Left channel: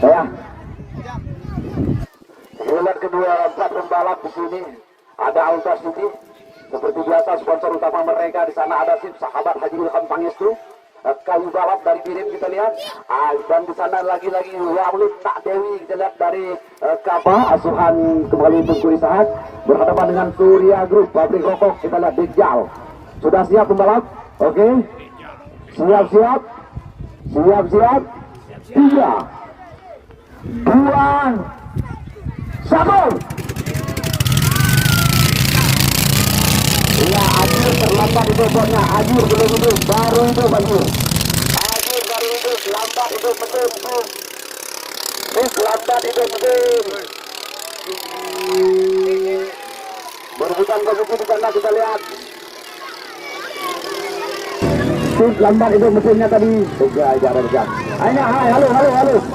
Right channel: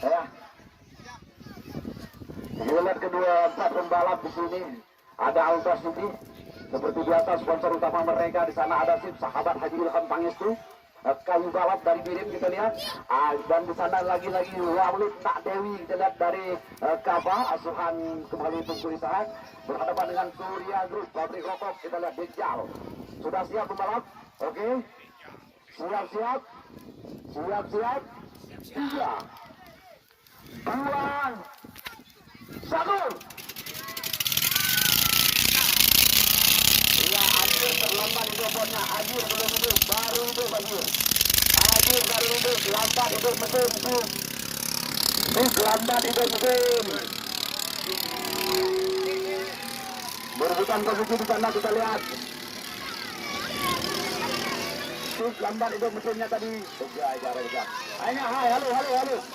Ya. Giliran kedua 4 pembalap di sini ada Alta City. Seperti biasa sponsor utama mereka di sana ada SIP Sahabat Haji Ilham Pangestu. Kayu balap dari Pirim kita lihat, dan di sana lagi-lagi Walid Tak Dewi kita lihat dari Kapa asuhan kembali Tungku Isahat berhadapan dengan Surya Group pabrik rokok kita lihat Dejal. Sudah siap pembalap? Oke. Siap-siap. Siap-siap. 3 2 1. Ya, Ajur terlambat itu botnya. Ajur belum hidup, baru hidup Ajur. Ajur baru hidup, lambat hidup mesin. Lambat hidup mesin. Berebutan posisi di sana kita lihat. Lambat hidup mesinnya tadi. Tiga jarak dekat. Aina, hai, halo.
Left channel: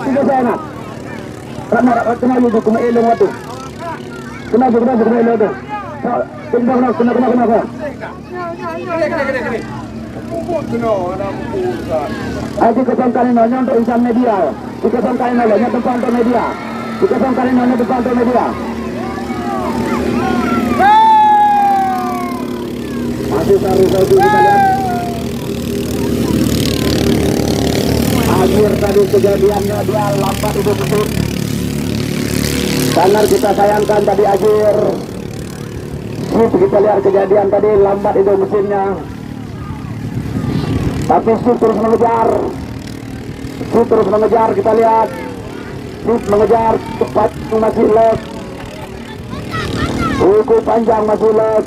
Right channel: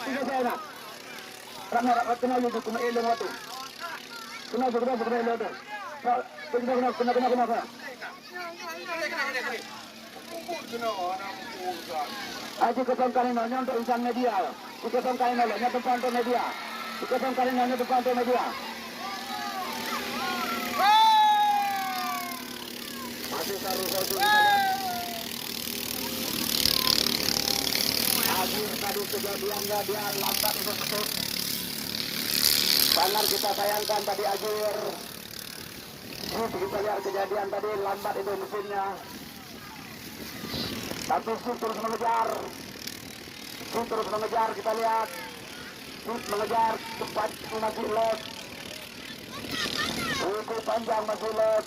Tiga saya nak. Kena juga kena elong waktu. Kena elong tu. Kena. Ayo kita kali nanya untuk insan media. Kita kali nanya depan untuk media. Kita kali nanya depan untuk media. Masih taruh kau kita lihat. Akhir tadi kejadiannya dia lambat itu betul. Sangat kita sayangkan tadi akhir. Kita lihat kejadian tadi lambat itu mesinnya. Tapi Sip terus mengejar. Kita lihat Sip mengejar cepat masih leg. Cukup panjang masih leg.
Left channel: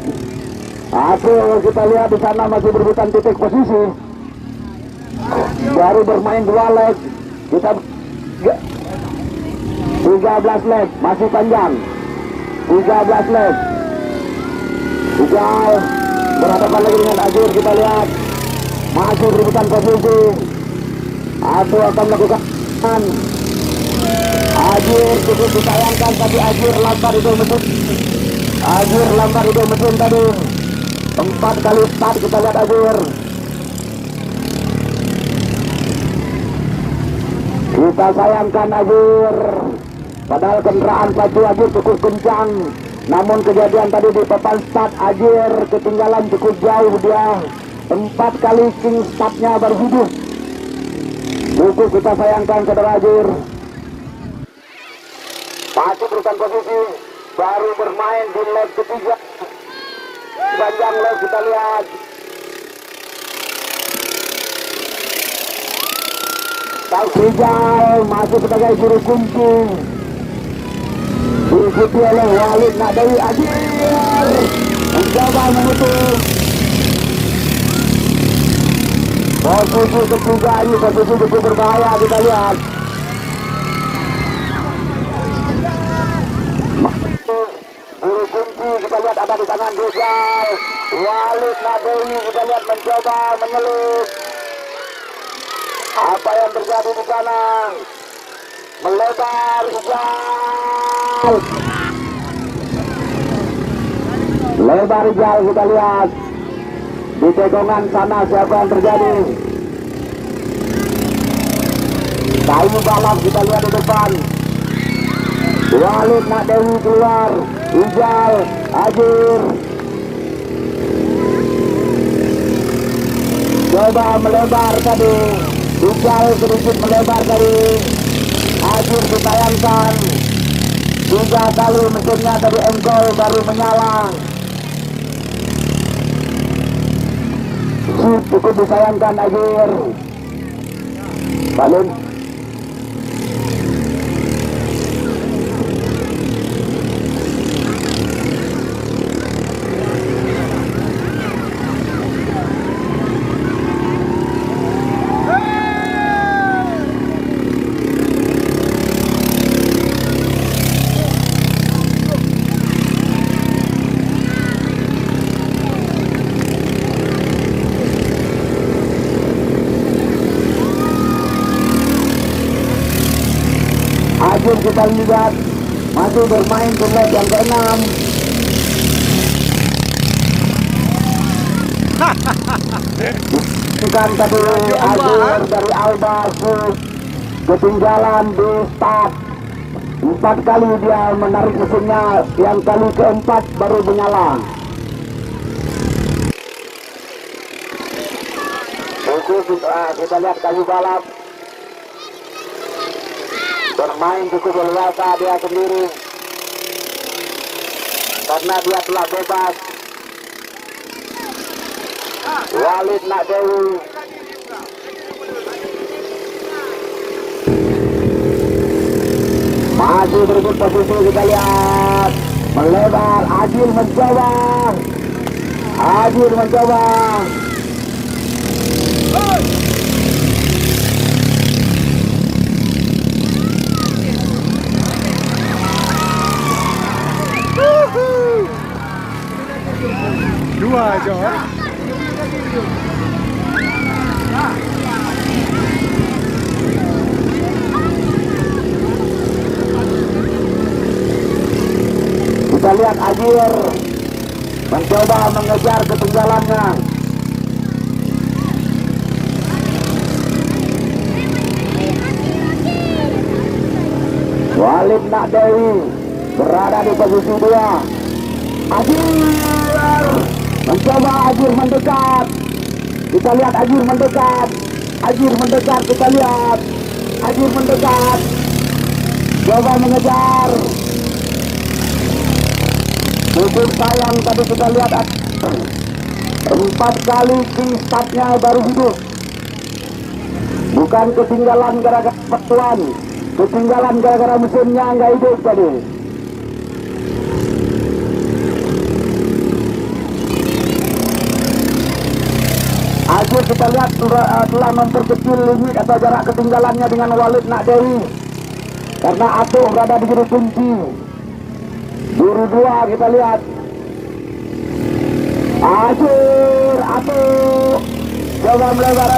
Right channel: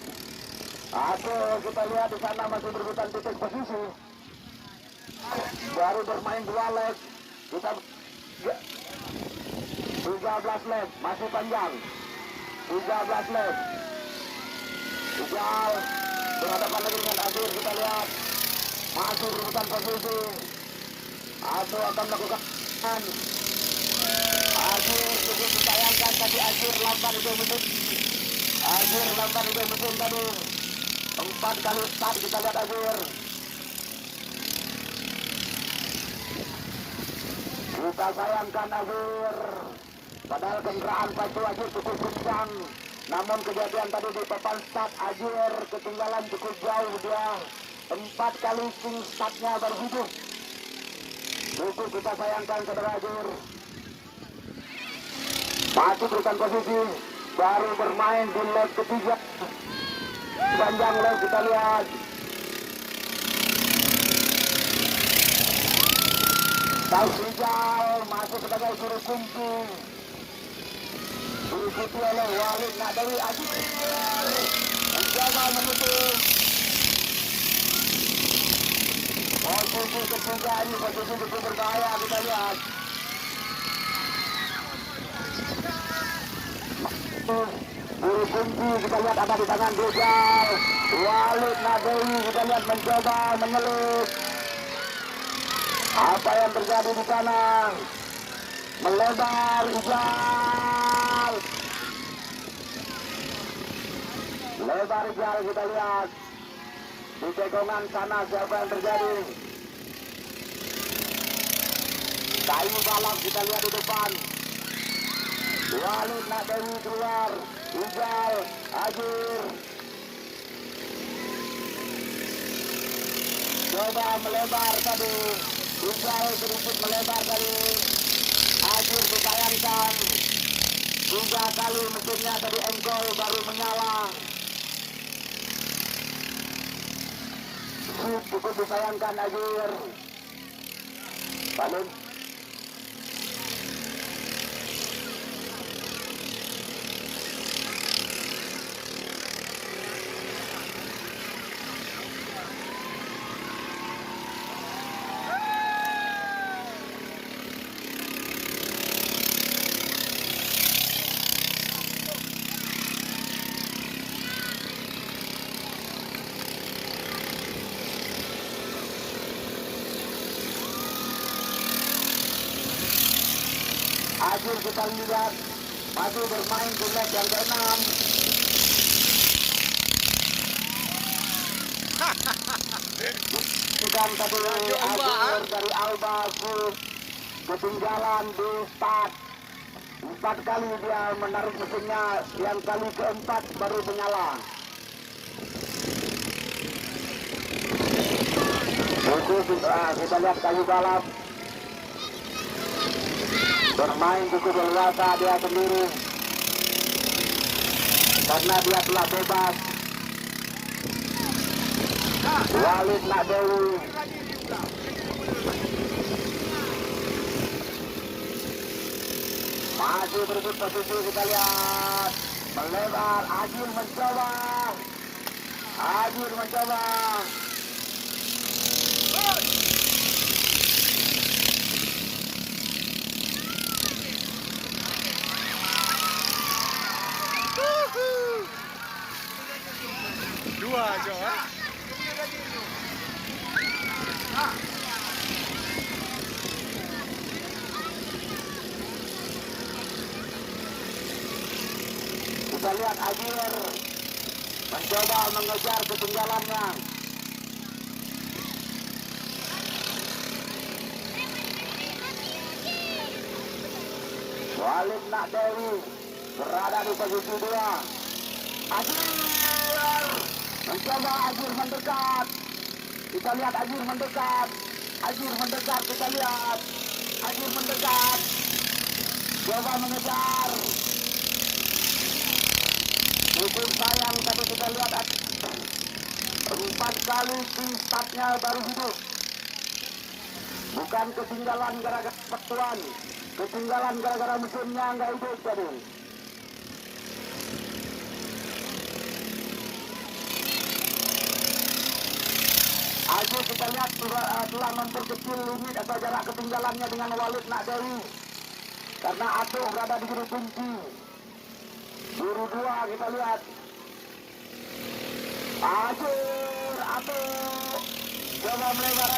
Aduh kita lihat di sana masih berebutan titik posisi. Baru bermain 2 leg. Kita 13 leg masih panjang. 13 leg. Ujal berhadapan lagi dengan Ajur kita lihat masih berebutan posisi. Ajur akan melakukan Ajur cukup disayangkan tapi Ajur lambat itu mesin tadi 4 kali start kita lihat Ajur. Kita sayangkan Ajur padahal kendaraan pacu Ajur cukup kencang. Namun kejadian tadi di papan start Ajir ketinggalan cukup jauh dia. 4 kali king startnya baru hidup. Cukup kita sayangkan saudara Ajir. Masih berusaha posisi. Baru bermain di leg ketiga. Panjang leg kita lihat. Rijal masih sebagai juru kunci. Diikuti oleh Walid Nak Dewi Ajir mencoba memutus posisi ketiga ini. Posisi cukup berbahaya kita lihat. Juru kunci kita lihat ada di tangan Rijal. Walid Nak Dewi kita lihat mencoba menyelip. Apa yang terjadi di sana? Melebar Rijal. Lebar Rijal kita lihat. Di tegongan sana siapa yang terjadi? Kayu balap kita lihat di depan. Walid Nak Dewi keluar. Rijal, Ajir. Coba melebar tadi. Rijal sedikit melebar tadi. Ajir ditayangkan 3 kali mesinnya tadi engkol baru menyala. Cukup disayangkan Ajir. Balun. Ajur kita lihat masih bermain di leg yang ke-6. Bukan tadi Azur dari Alba ketinggalan di start. 4 kali dia menarik mesinnya, yang kali keempat baru menyala. Kita lihat kayu balap bermain cukup leluasa dia sendiri karena dia telah bebas. Walid Nakdewi masih berebut posisi, kita lihat melebar. Ajil mencoba, Ajil mencoba. Dua aja. Kita lihat Ajir mencoba mengejar ketinggalannya. Walid Nakdewi berada di posisi 2. Ajir mencoba, Ajir mendekat. Kita lihat Ajir mendekat. Ajir mendekat, kita lihat Ajir mendekat. Coba mengejar. Cukup sayang tadi kita lihat 4 kali startnya baru hidup. Bukan ketinggalan gara-gara pertuan, ketinggalan gara-gara mesinnya nggak hidup tadi. Ajir kita lihat telah memperkecil limit atau jarak ketinggalannya dengan Walid Nakdewi karena Atuk berada di juru kunci. Juru 2 kita lihat Ajir, Atuk coba melebar.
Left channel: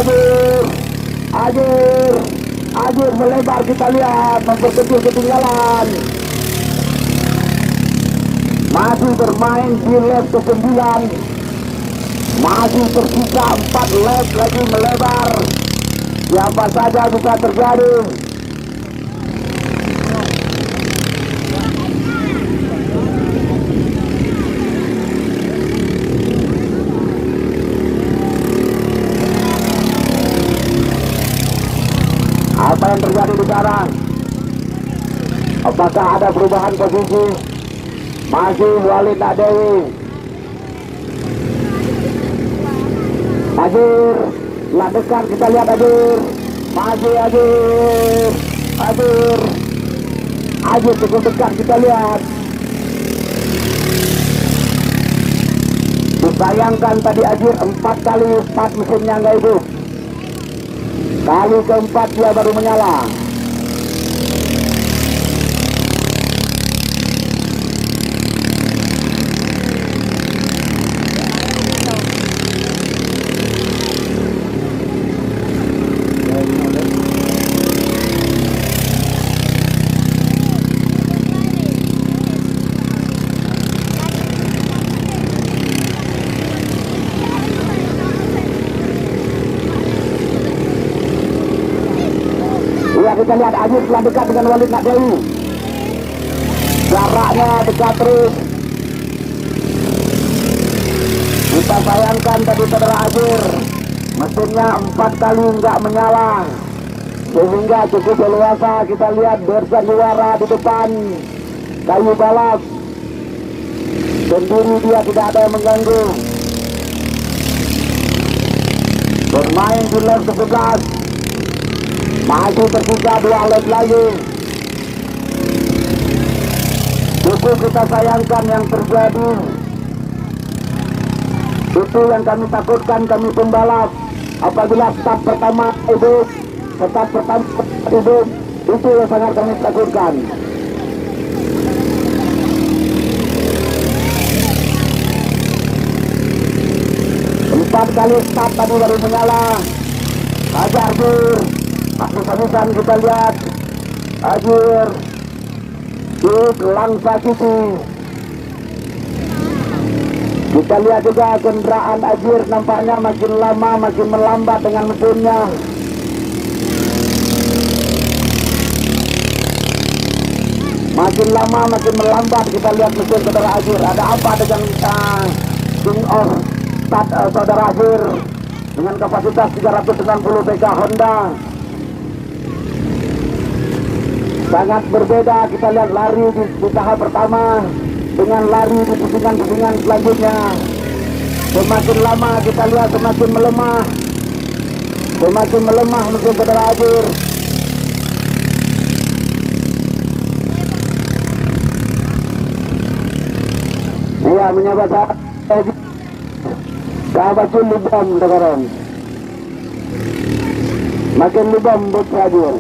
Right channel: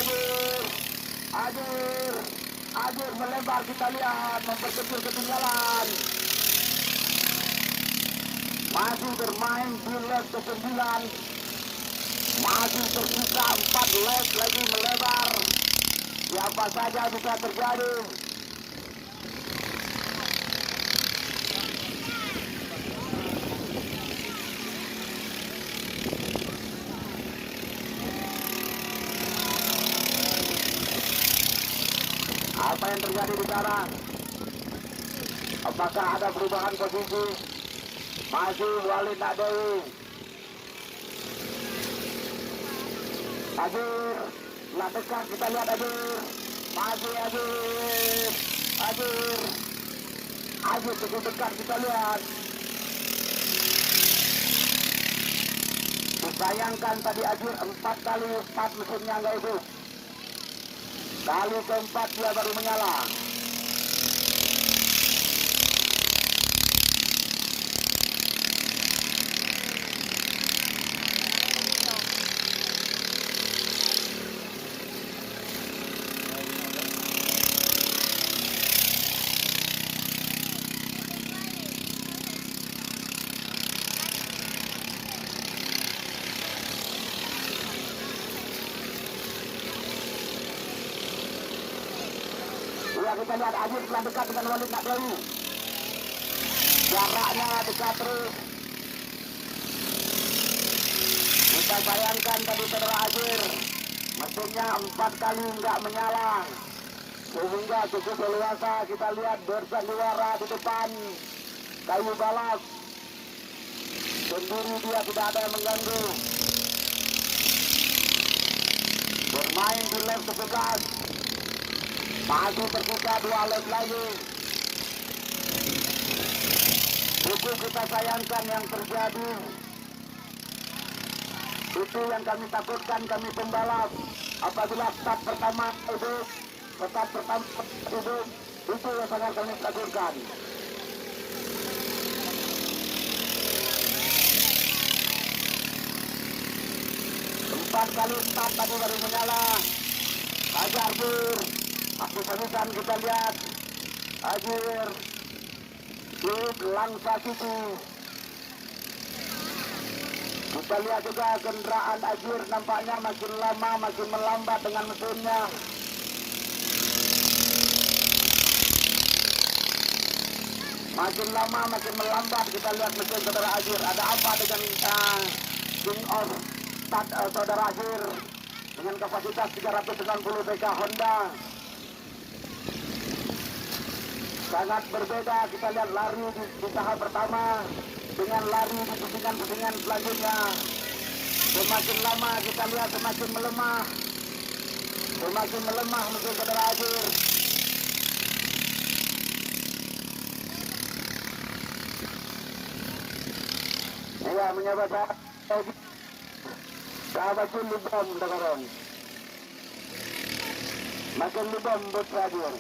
Ajir melebar, kita lihat memperkecil ketinggalan. Masih bermain di lap ke-9, masih tersisa 4 lap lagi melebar. Siapa saja bisa terjadi. Apa yang terjadi di sekarang? Apakah ada perubahan posisi? Masih Walid Nakdewi. Ajir, lah dekat, kita lihat Ajir. Masih Ajir cukup dekat, kita lihat. Disayangkan tadi Ajir 4 kali start mesinnya nggak hidup. Kali keempat dia baru menyala. Kita lihat Ajir telah dekat dengan Walid Nakdewi. Jaraknya dekat terus. Kita sayangkan tadi saudara Ajir, mesinnya 4 kali nggak menyala, sehingga cukup leluasa. Kita lihat bersandiwara di depan kayu balap sendiri, dia tidak ada yang mengganggu. Bermain di lap ke-11. Masih tersisa 2 lap lagi. Cukup kita sayangkan yang terjadi. Itu yang kami takutkan, kami pembalap. Apabila start pertama hidup, itu yang sangat kami takutkan. Empat kali start tadi baru menyala. Ajir, habis-habisan kita lihat Ajir di Langsa City. Kita lihat juga kendaraan Ajir nampaknya makin lama makin melambat dengan mesinnya. Makin lama makin melambat kita lihat mesin saudara Ajir. Ada apa dengan King of Start saudara Ajir dengan kapasitas 390 PK Honda? Sangat berbeda kita lihat lari di tahap pertama dengan lari di pusingan-pusingan selanjutnya. Semakin lama kita lihat semakin melemah. Semakin melemah mesin saudara Ajir. Iya menyapa sahabat lubang sekarang. Makin lubang buat Ajir.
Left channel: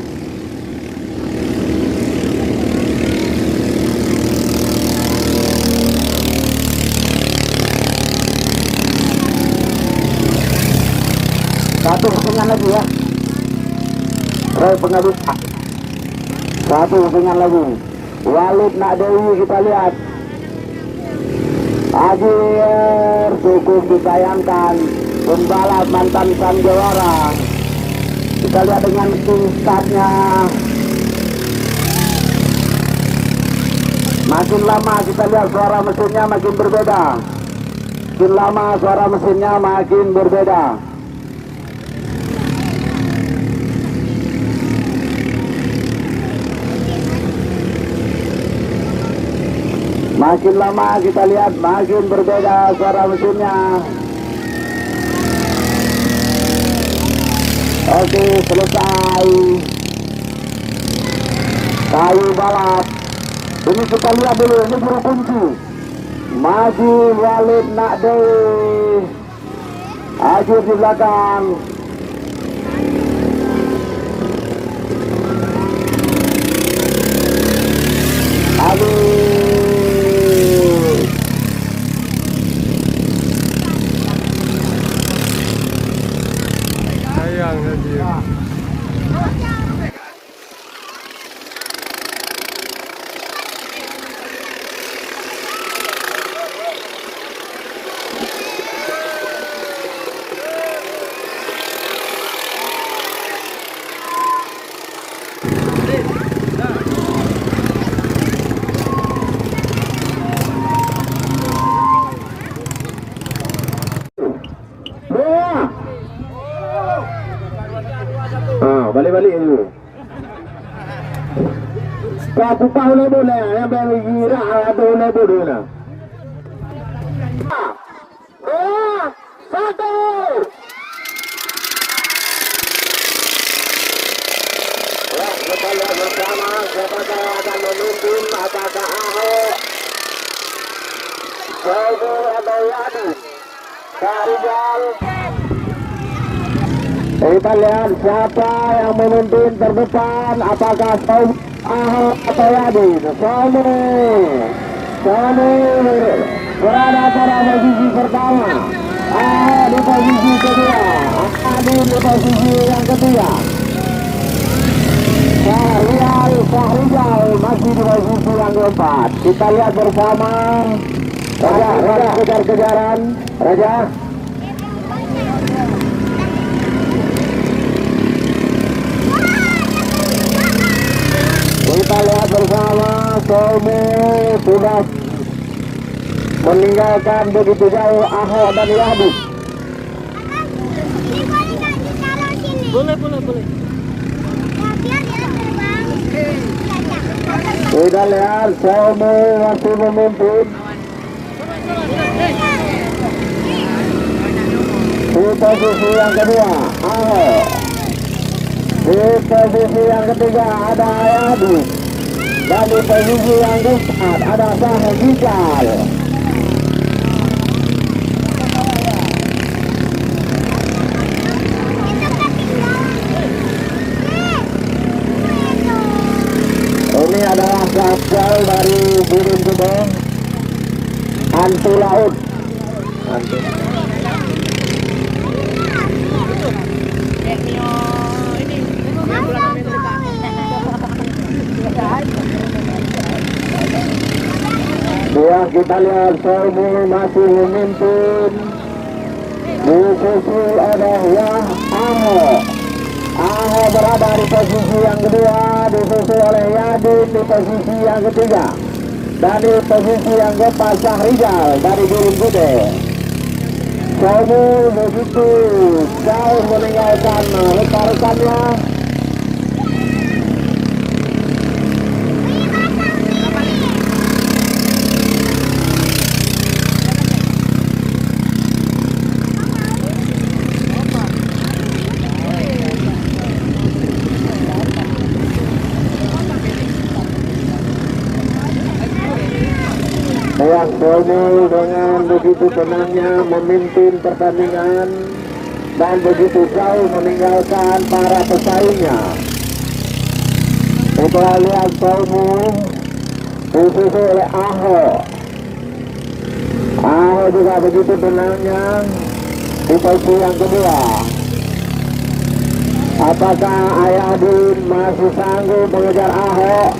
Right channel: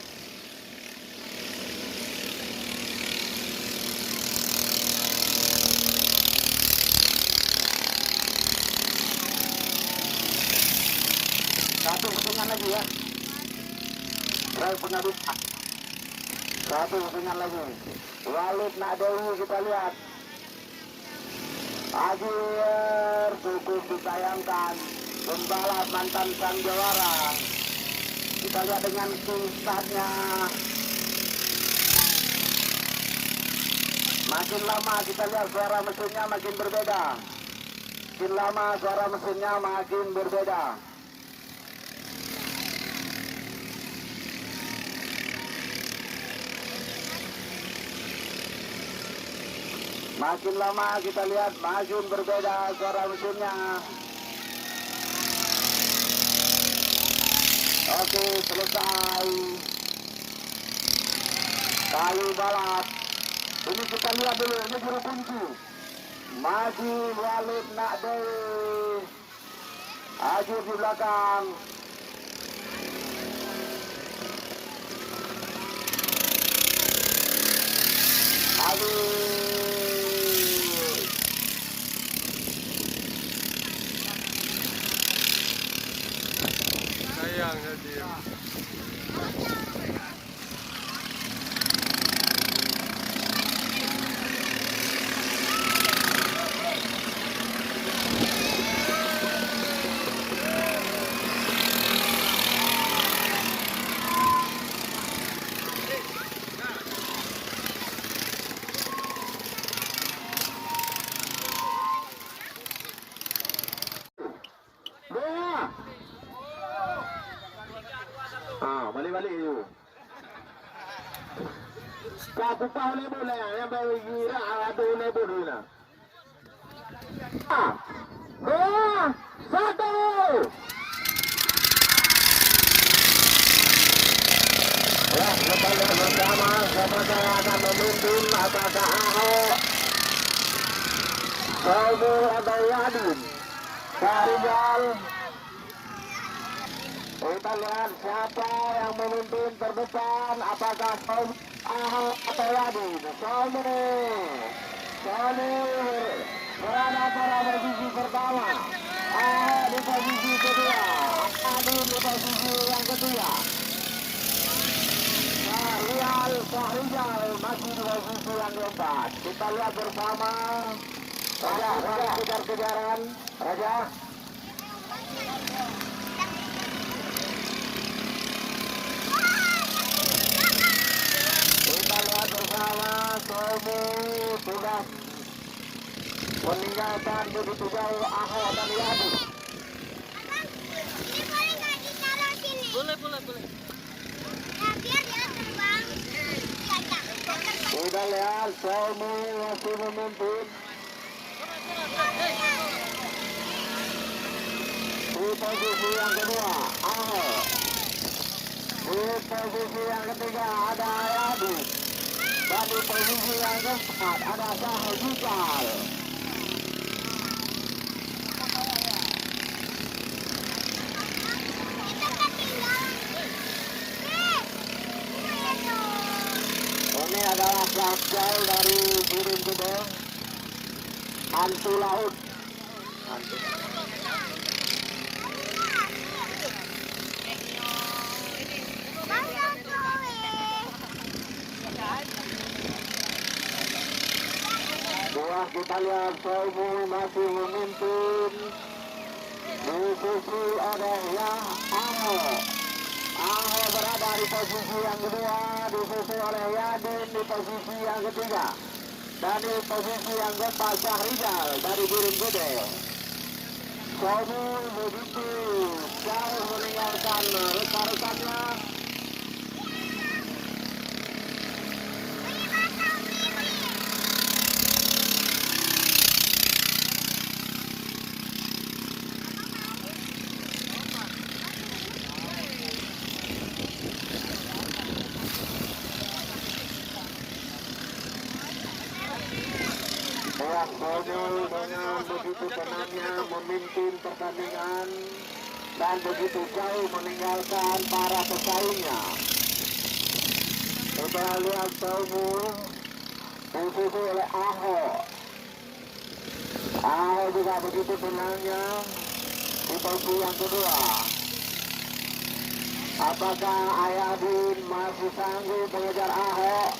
Satu pusingan lagi ya. Roy pengabut. Satu pusingan lagi. Walid Nak Dewi kita lihat. Ajir cukup disayangkan. Pembalap mantan Sanjawara. Kita lihat dengan tingkatnya. Makin lama kita lihat suara mesinnya makin berbeda. Makin lama suara mesinnya makin berbeda. Makin lama kita lihat makin berbeda suara mesinnya. Oke, selesai. Kayu balap. Ini kita lihat dulu, ini juru kunci. Maju Walid Nak Dewi. Ajir di belakang. Aduh. Balik-balik dulu. Kau tahu le boleh yang bergira ada le boleh na. 2, 1. Ya, kembali bersama apakah akan memimpin apakah Ahok Saudi atau Yadin Karijal. Kita lihat siapa yang memimpin terdepan, apakah Saudi Ahok atau Yadin. Saudi berada pada posisi pertama, Ahok di posisi kedua, Yadin di posisi yang ketiga. Syahrijal masih di posisi yang keempat. Kita lihat bersama. Raja kejar-kejaran. Raja. Kita lihat bersama Somu sudah meninggalkan begitu jauh Ahok dan Yadin. Boleh. Kita lihat Somu masih memimpin. Di posisi yang kedua Ahok. Di posisi yang ketiga ada Yadin. Dan di posisi yang keempat ada Syahrijal. Ini adalah kapal dari Birin Gedong Antu Laut. Dia Ya kita lihat Somu masih memimpin. Disusul oleh Aho. Aho berada di posisi yang kedua, disusul oleh Yadin di posisi yang ketiga. Dan di posisi yang keempat Syahrizal dari Birim Gede. Somu begitu jauh meninggalkan rekan-rekannya. Yang Somu dengan begitu tenangnya memimpin pertandingan dan begitu jauh meninggalkan para pesaingnya. Kita lihat Somu disusul oleh Aho. Aho juga begitu tenangnya di posisi yang kedua. Apakah Ayadin masih sanggup mengejar Aho?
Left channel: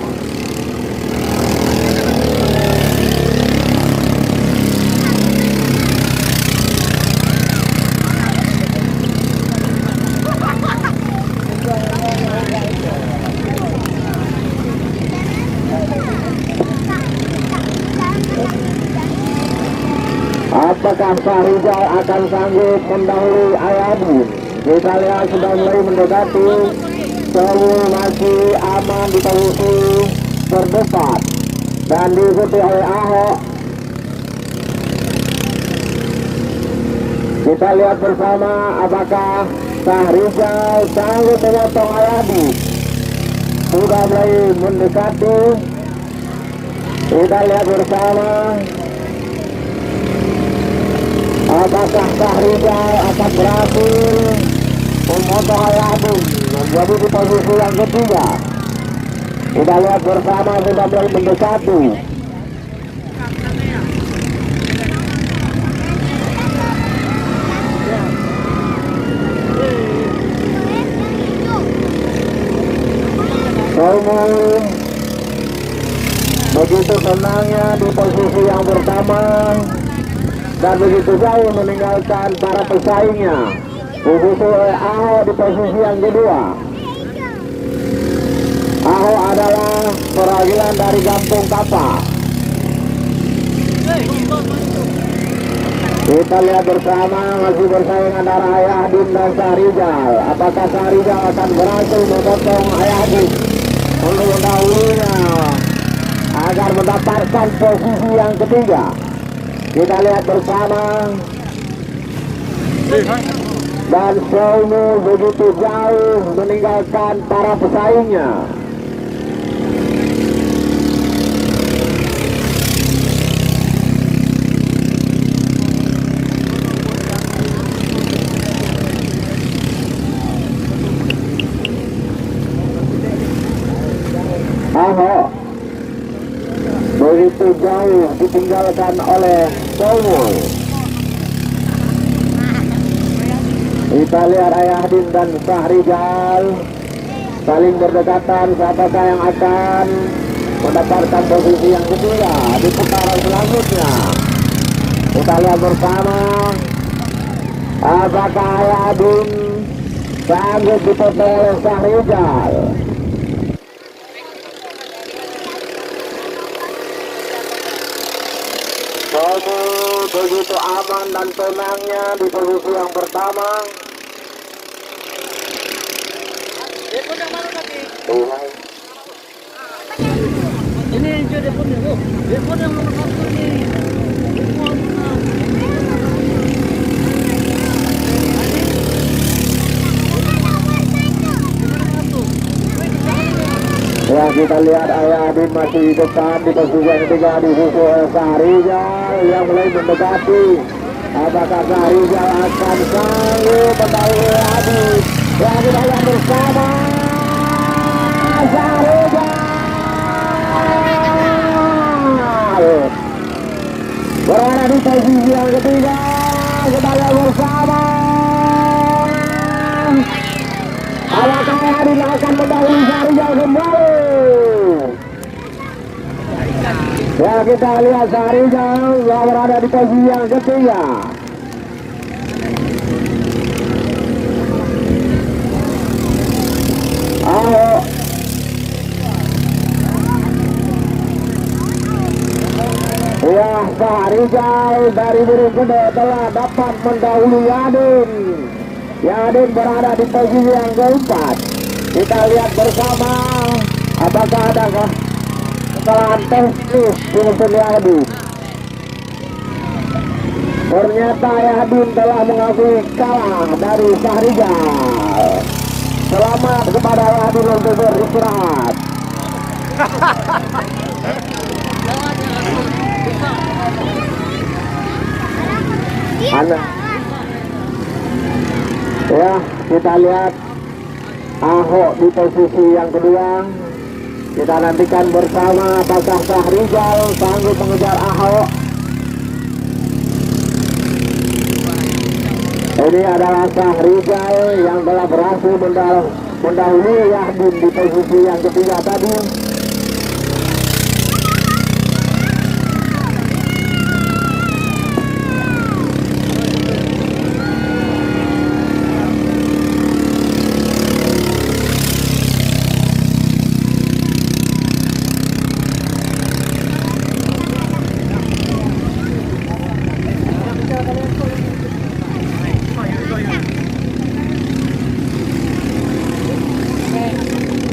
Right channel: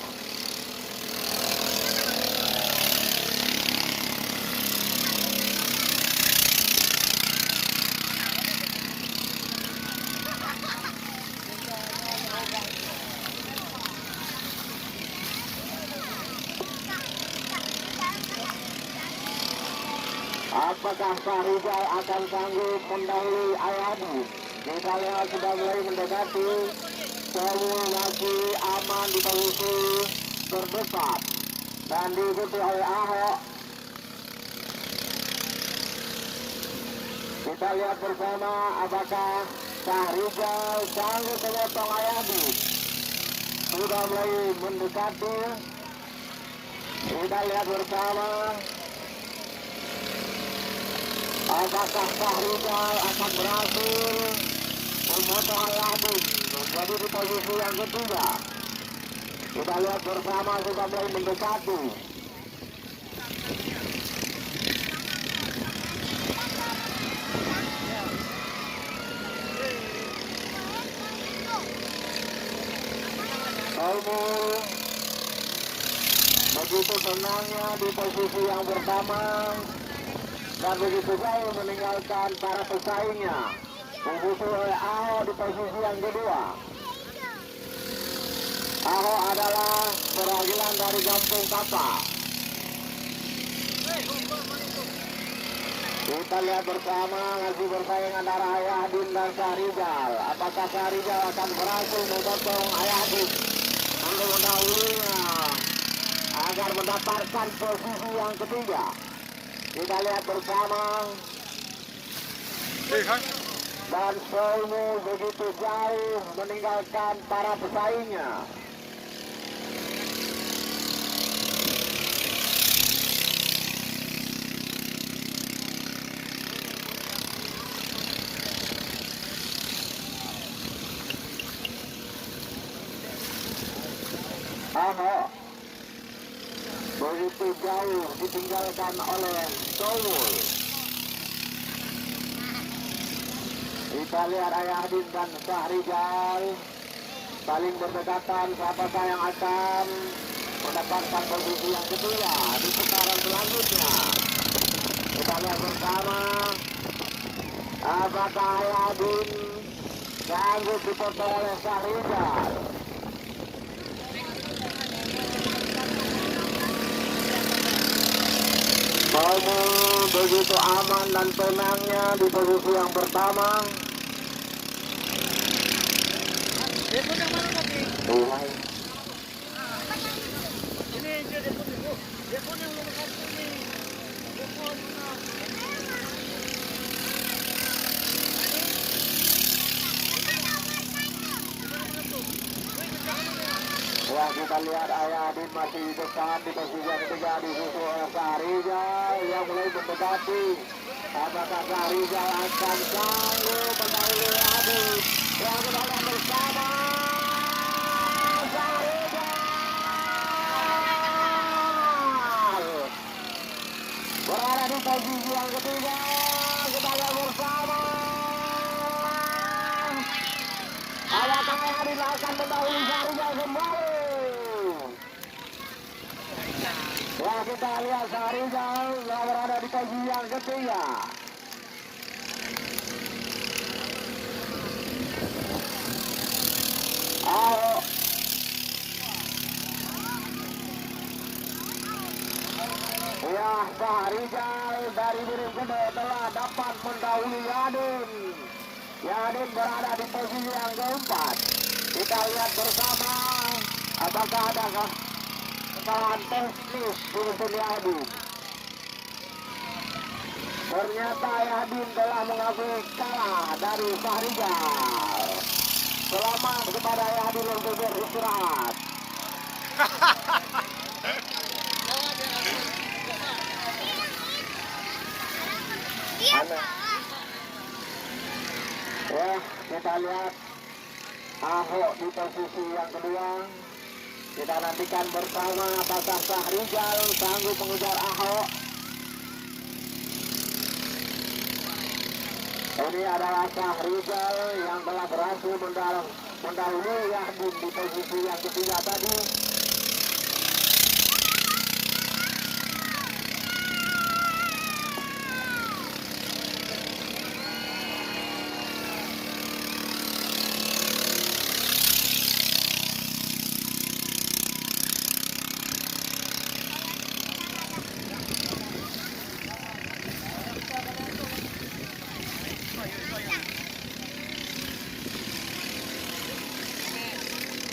Apakah Syahrizal akan sanggup mendahului Ayadin? Kita lihat sudah mulai mendekati. Somu masih aman di posisi terdepan dan diikuti oleh Aho. Kita lihat bersama apakah Syahrizal sanggup memotong Ayadin. Sudah mulai mendekati. Kita lihat bersama apakah Syahrizal akan berhasil memotong Ayadin menjadi di posisi yang ketiga. Kita lihat bersama sudah mulai mendekati. Somu begitu tenangnya di posisi yang pertama dan begitu jauh meninggalkan para pesaingnya. Disusul oleh Aho di posisi yang kedua. Aho adalah perwakilan dari Kampung Tapa. Kita lihat bersama masih bersaing antara Ayadin dan Syahrizal. Apakah Syahrizal akan berhasil memotong Ayadin untuk mendahulinya agar mendapatkan posisi yang ketiga? Kita lihat bersama. Dan Somu begitu jauh meninggalkan para pesaingnya. Aho begitu jauh ditinggalkan oleh Somu. Kita lihat Ayadin dan Syahrizal saling berdekatan. Siapakah yang akan mendapatkan posisi yang ketiga di putaran selanjutnya? Kita lihat bersama apakah Ayadin sanggup dipotong oleh Syahrizal. Somu begitu aman dan tenangnya di posisi yang pertama. Telepon yang mana tadi? Tuhan. Ini dia teleponnya, yuk. Telepon yang nomor 1 ini. Telepon. Ya, kita lihat Ayadin masih di depan di posisi yang ketiga, disusul oleh Syahrizal yang mulai mendekati. Apakah Syahrizal akan sanggup mendahului Ayadin? Ya, kita lihat bersama Syahrizal berada di posisi yang ketiga. Kita lihat bersama apakah Ayadin akan mendahului Syahrizal kembali. Ya, kita lihat Sahrijal yang berada di posisi yang ketiga. Ayo. Ya, Sahrijal dari Biring Gede telah dapat mendahului Yadin. Yadin berada di posisi yang keempat. Kita lihat bersama apakah ada kesalahan teknis di mesin Yadin. Ternyata Yadin telah mengakui kalah dari Sahrijal. Selamat kepada Yadin untuk beristirahat. Ya, kita lihat Ahok di posisi yang kedua. Kita nantikan bersama apakah Sahrijal sanggup mengejar Ahok. Ini adalah Sahrijal yang telah berhasil mendahului Yahdin di posisi yang ketiga tadi.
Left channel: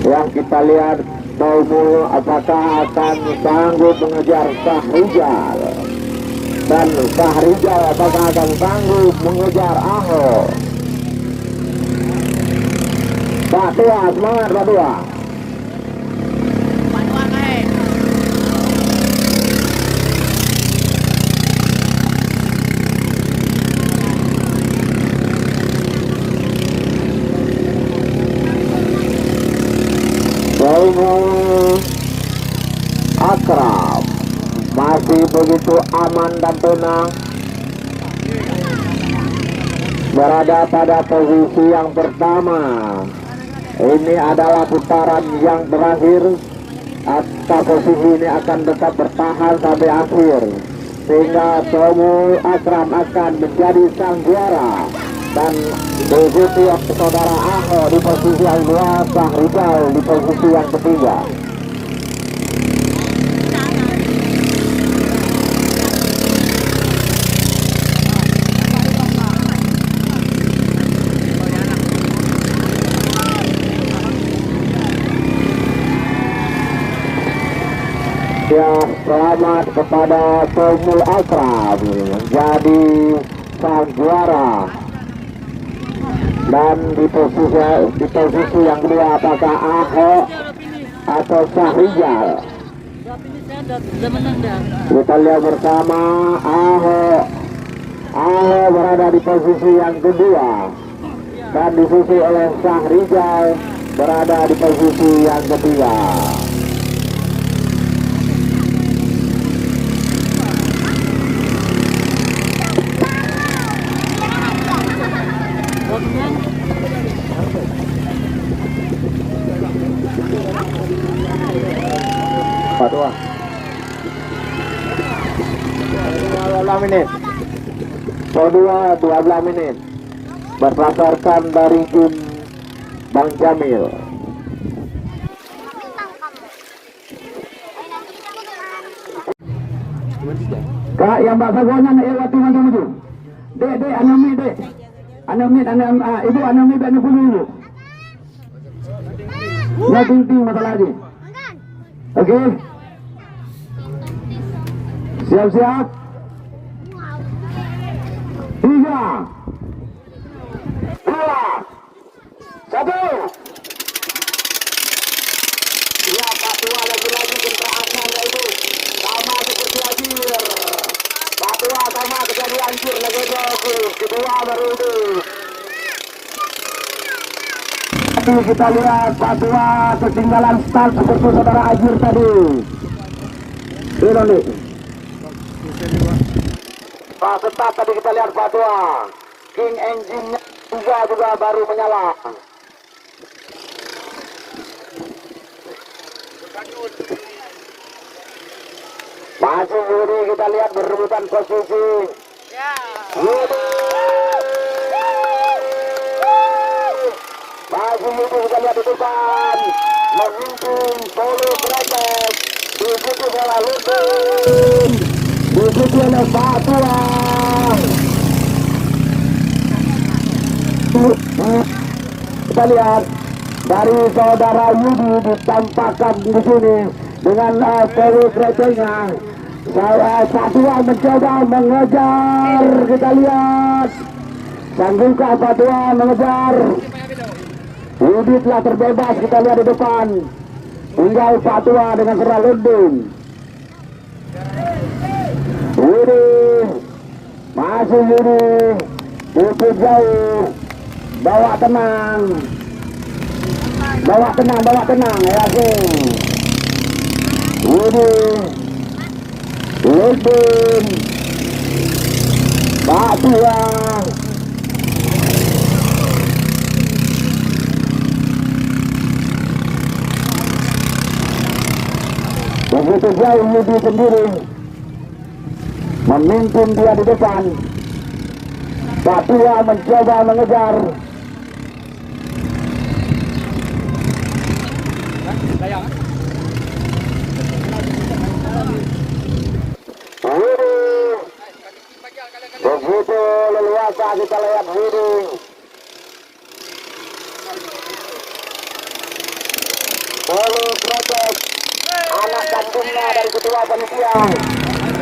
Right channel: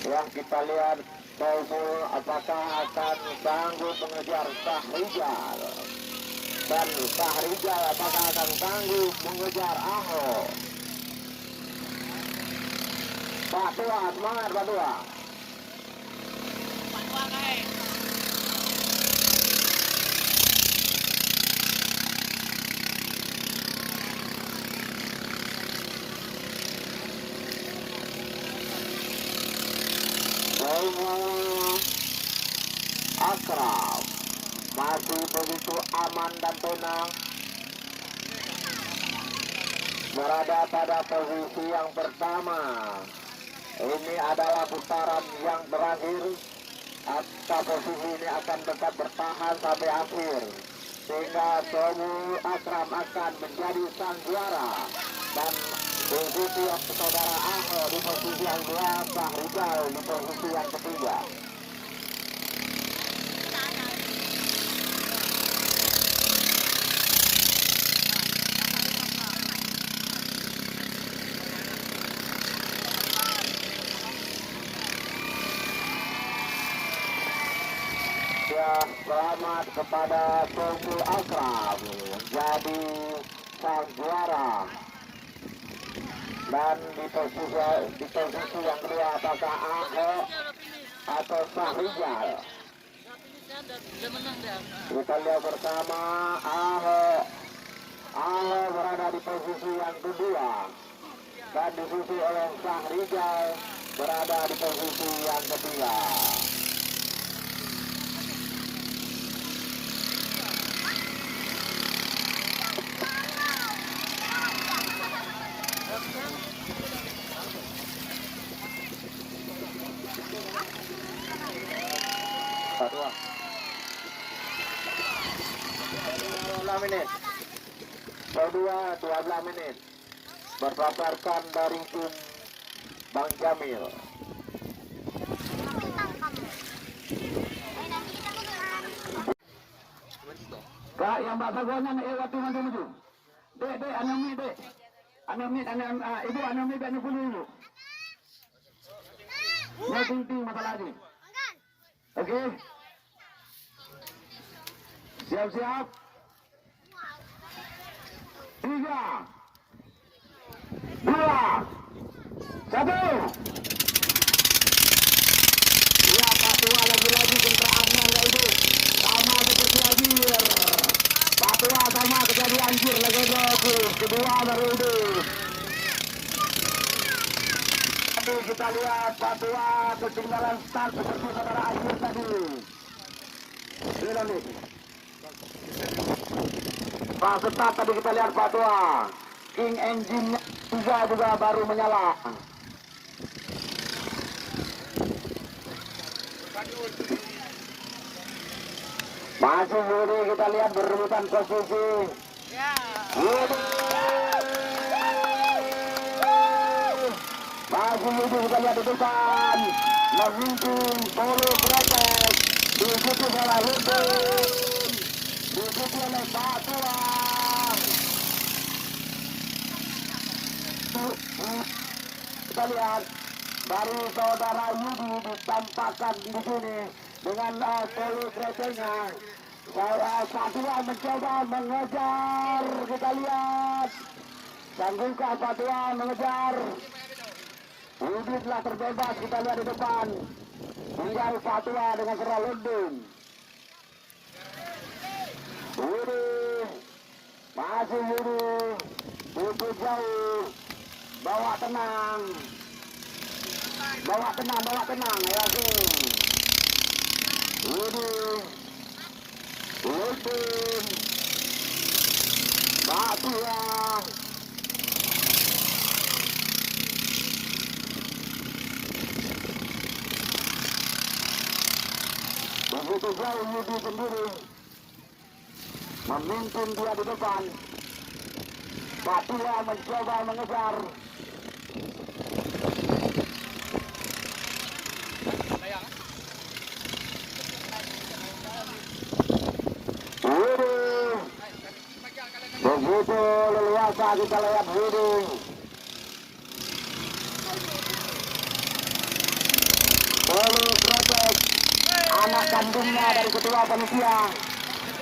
Yang kita lihat Daumul apakah akan sanggup mengejar Sahrijal, dan Sahrijal apakah akan sanggup mengejar Ahok. Pak Tua, semangat Pak Tua. Daumul Akram masih begitu aman dan tenang, berada pada posisi yang pertama. Ini adalah putaran yang terakhir. Atas posisi ini akan tetap bertahan sampai akhir, sehingga Daumul Akram akan menjadi sang juara dan diikuti saudara Ahok di posisi yang kedua, Sahrijal di posisi yang ketiga. Ya, selamat kepada Daumul Akram menjadi sang juara. Dan di posisi yang kedua apakah Ahok atau Sahrijal? Kita lihat bersama Ahok. Ahok berada di posisi yang kedua dan disusul oleh Sahrijal berada di posisi yang ketiga. Pak Tua. 12 menit. Kedua 12 menit. Berdasarkan dari tim Bang Jamil. Kak, yang bakal gonya nak lewat tu nanti maju. Dek, anami dek. Anami, ibu anami dek ni dulu. Ya ting masalah lagi. Okey. Siap-siap. 3, 2, 1. Ya, Pak Tua lagi-lagi kentraannya itu sama seperti Ajir. Pak Tua sama kejadian Ajir lagi bagus. Kedua baru itu. Tapi kita lihat Pak Tua ketinggalan start seperti saudara Ajir tadi. Ini nih. Pak start tadi kita lihat Pak Tua. King engine-nya juga baru menyala. Masih Yudi, kita lihat berebutan posisi. Yudi. Masih Yudi, kita lihat di depan. Memimpin Polo Kretek. Diikuti oleh Ludin. Diikuti oleh Fatua. Kita lihat dari saudara Yudi ditampakkan di sini dengan Polo Kreteknya. Fatua mencoba mengejar, kita lihat. Sanggupkah Fatua mengejar? Yudi telah terbebas, kita lihat di depan. Tinggal Fatua dengan Seraludin. Yudi, masih Yudi, cukup jauh. Bawa tenang, yakin. Yudi, Ludin, Fatua. Begitu jauh Yudi sendiri memimpin dia di depan. Fatua mencoba mengejar. Yudi begitu leluasa, kita lihat Yudi. Polo Kretek, anak kandungnya dari ketua panitia.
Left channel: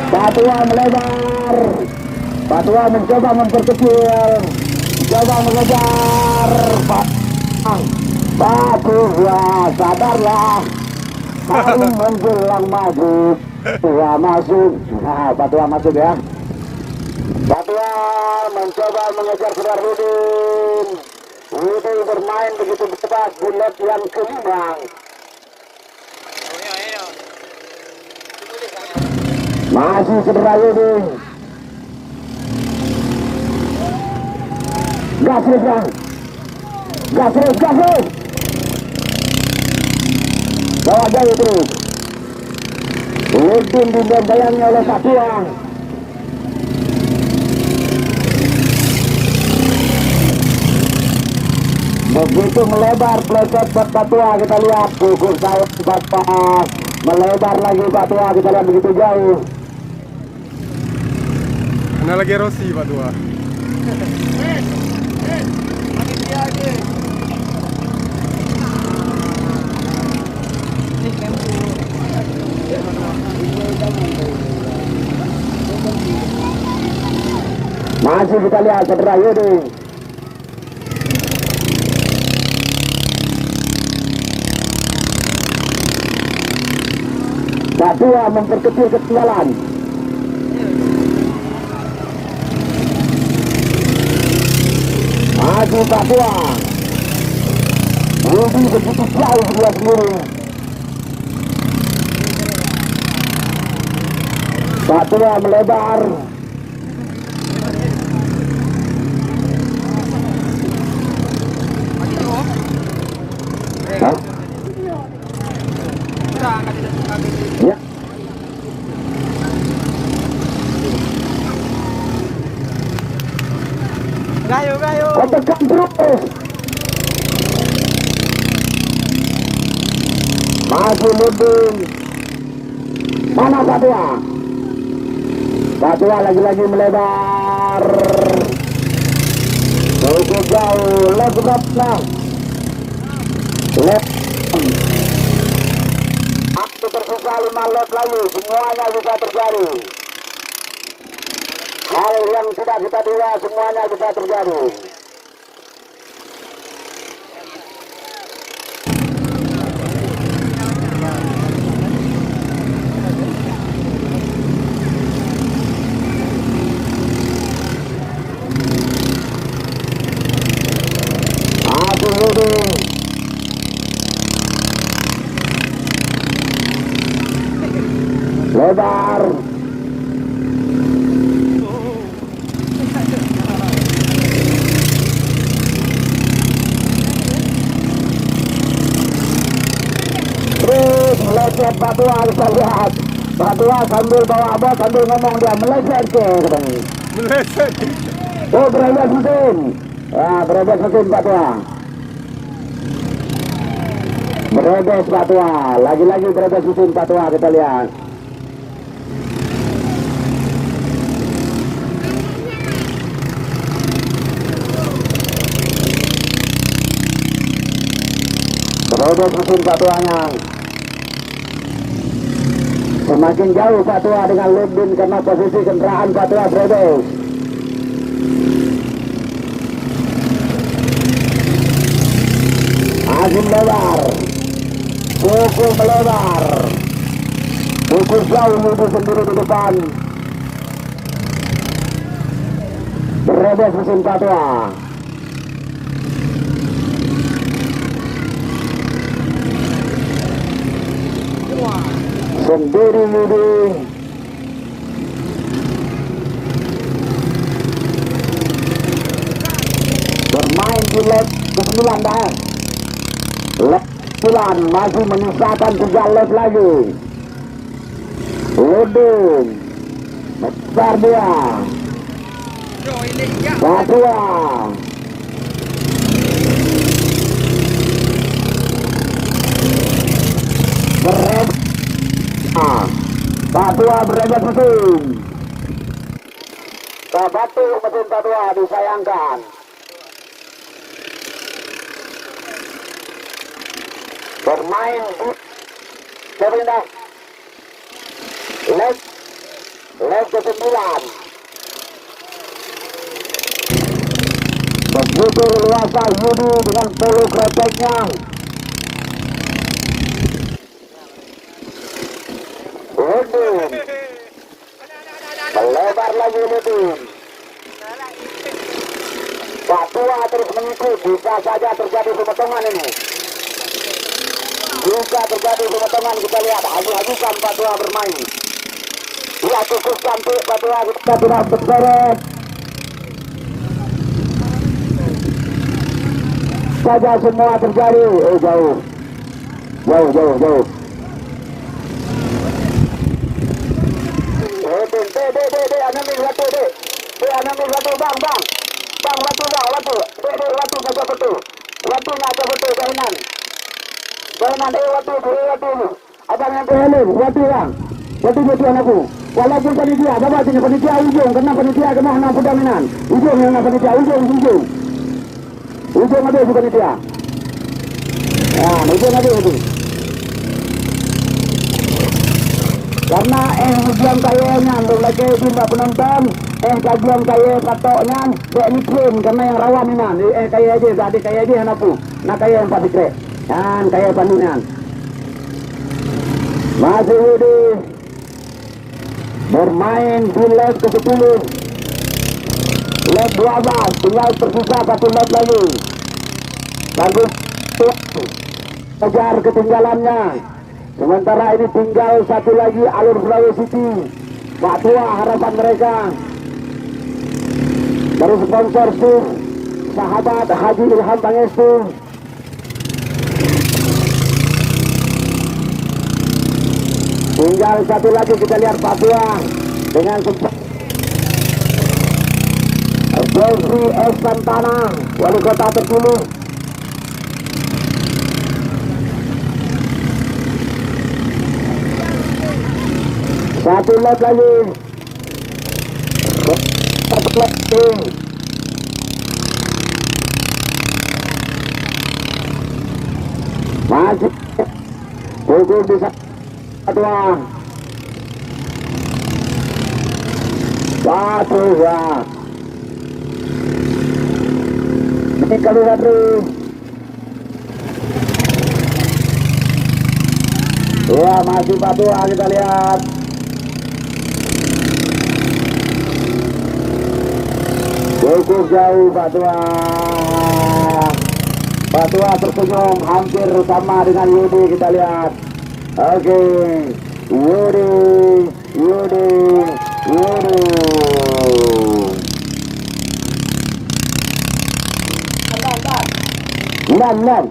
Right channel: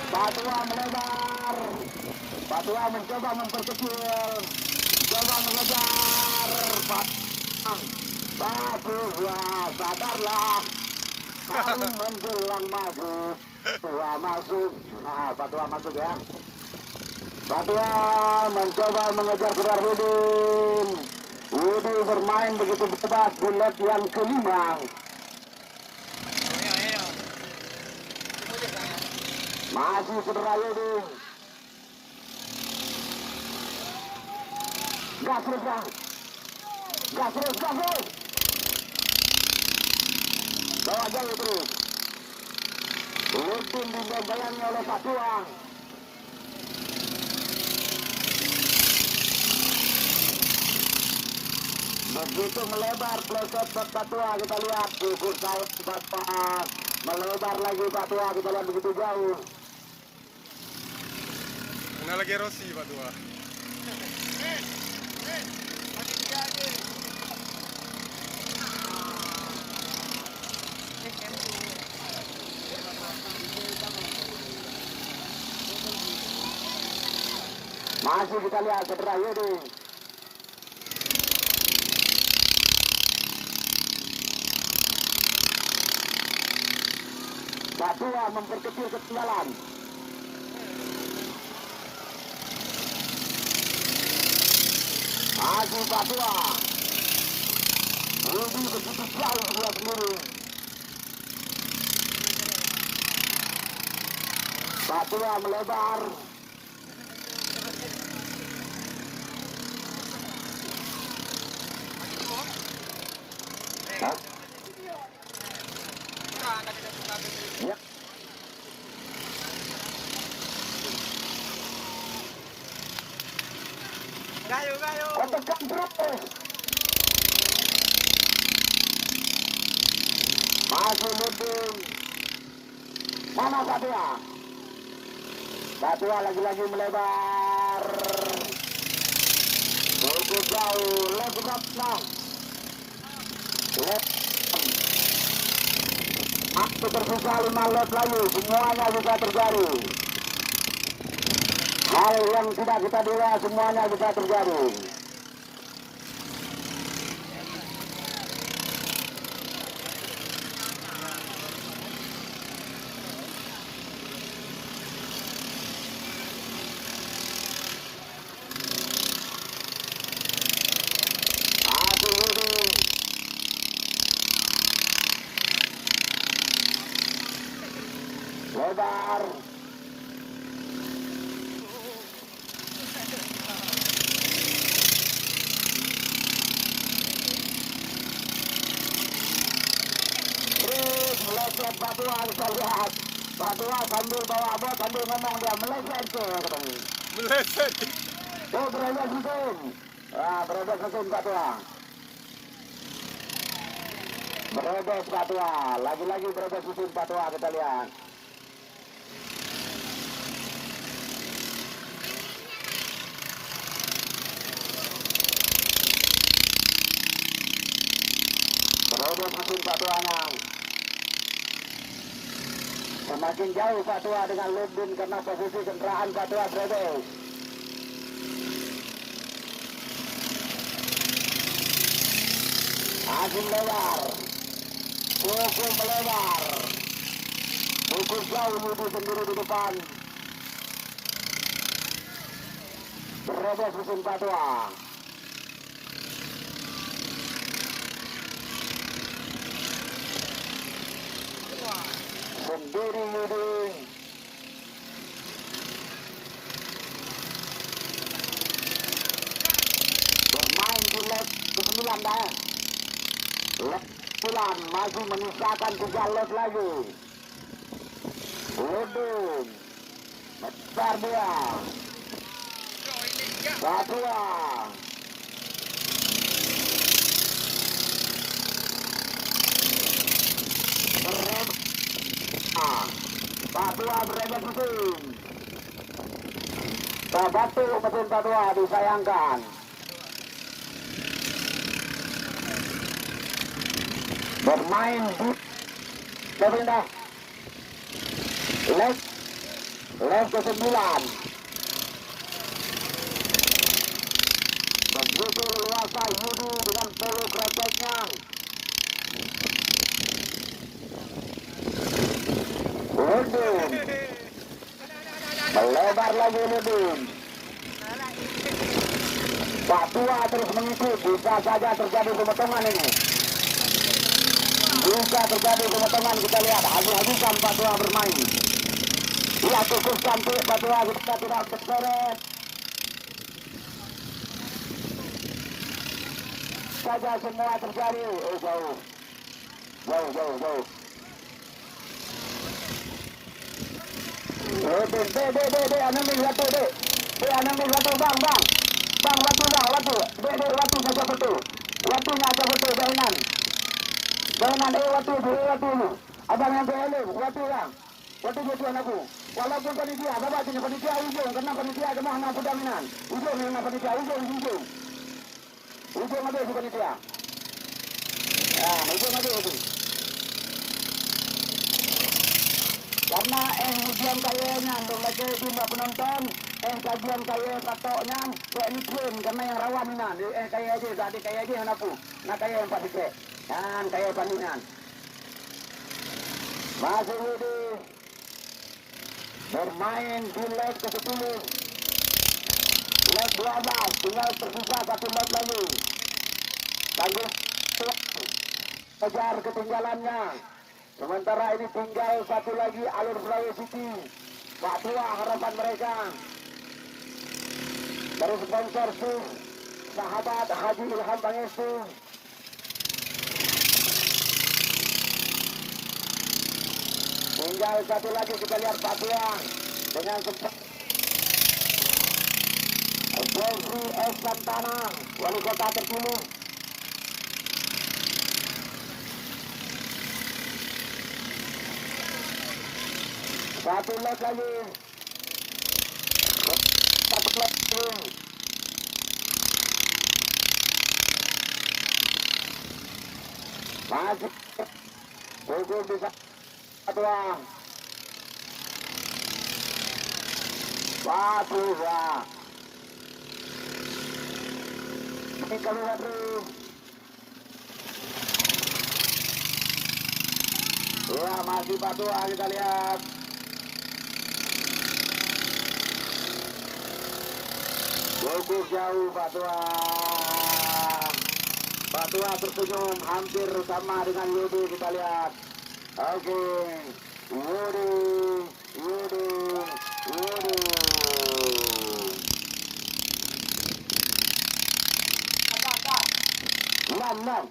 Fatua melebar. Fatua mencoba memperkecil, mencoba mengejar. Fatua, sadarlah. Hari menjelang maghrib. Fatua masuk. Nah, Fatua masuk ya. Fatua mencoba mengejar Seraludin. Yudi bermain begitu bebas di leg yang kelima. Masih cedera Yudi. Gas terus bang. Gas terus. Bawa jauh terus. Ludin dibayangnya oleh Fatua. Begitu melebar pleset buat Fatua, kita lihat gugur sayap Fatua. Melebar lagi Fatua, kita lihat begitu jauh. Mana lagi Rossi Fatua. Masih kita lihat cedera Yudi. Fatua memperkecil ketinggalan. Maju Fatua. Yudi begitu jauh dia sendiri. Fatua melebar. Hah? Ya. Gayo. Tekan terus. Maju Ludin. Mana Fatua? Fatua lagi-lagi melebar. Cukup jauh. Lebar. Waktu tersisa 5 lap lagi, semuanya bisa terjadi. Hal yang tidak kita duga semuanya bisa terjadi. Aku Yudi. Lebar. Terus meleset Fatua, kita lihat Patua sambil bawa abah sambil ngomong dia meleset ke katanya. Meleset. Oh berabas mesin. Ya berabas mesin Patua. Berabas Patua. Lagi-lagi berabas mesin Patua kita lihat. Berabas mesin Patuanya. Semakin jauh Patua dengan Ludin karena posisi kendaraan Patua berabas. Masih melebar, cukup melebar, cukup jauh itu sendiri di depan. Berabas mesin Patua. Sendiri Yudi. Bermain di lap ke-9 dah. Lap 9 masih menyisakan 3 lap lagi. Ludin besar dia. Patua. Berabas. Patua berabas mesin. Batu mesin Patua disayangkan. Bermain di pemerintah leg ke-9. Begitu luasa Yudi dengan polo kreteknya. Ludin melebar lagi Ludin. Patua terus mengikut. Bisa saja terjadi pemotongan ini. Bisa terjadi pemotongan, kita lihat. Habis-habisan Patua bermain. Ya cukup cantik Patua, kita tidak berseret. Saja semua terjadi. Jauh. Anamin satu, bang. Bang, watu. Watu saja betul. Watunya aja betul, Gainan, watu ini. Abang yang kehelin, watu bang. Watu betul anakku. Walaupun panitia, bapak sini panitia ujung, karena panitia kena hendak pedaminan. Ujung yang panitia, ujung. Ujung ada si panitia. Ya, ujung ada itu. Karena ujian kayanya untuk lagi bimba penonton, kajian kaya patoknya teknikin karena yang rawan ini, kaya aja, tadi kaya aja anakku. Nah kaya yang pasti kre, kan kaya pandunan. Masih Yudi bermain di lap ke-10, lap 12, tinggal tersisa 1 lap lagi. Bagus, kejar ketinggalannya. Sementara ini tinggal 1 lagi alur Sulawesi City. Patua harapan mereka. Dari sponsorship sahabat Haji Ilham Pangestu. Tinggal 1 lagi, kita lihat Patua dengan Jeffrey S. Santana, wali kota terpilih. Satu lap lagi. Satu lap lagi. Masih gugur bisa Patua. Satu ya. Ini kali satu. Ya masih Patua, kita lihat. Cukup jauh Patua. Patua tersenyum hampir sama dengan Yudi, kita lihat. Oke, Yudi. Enam.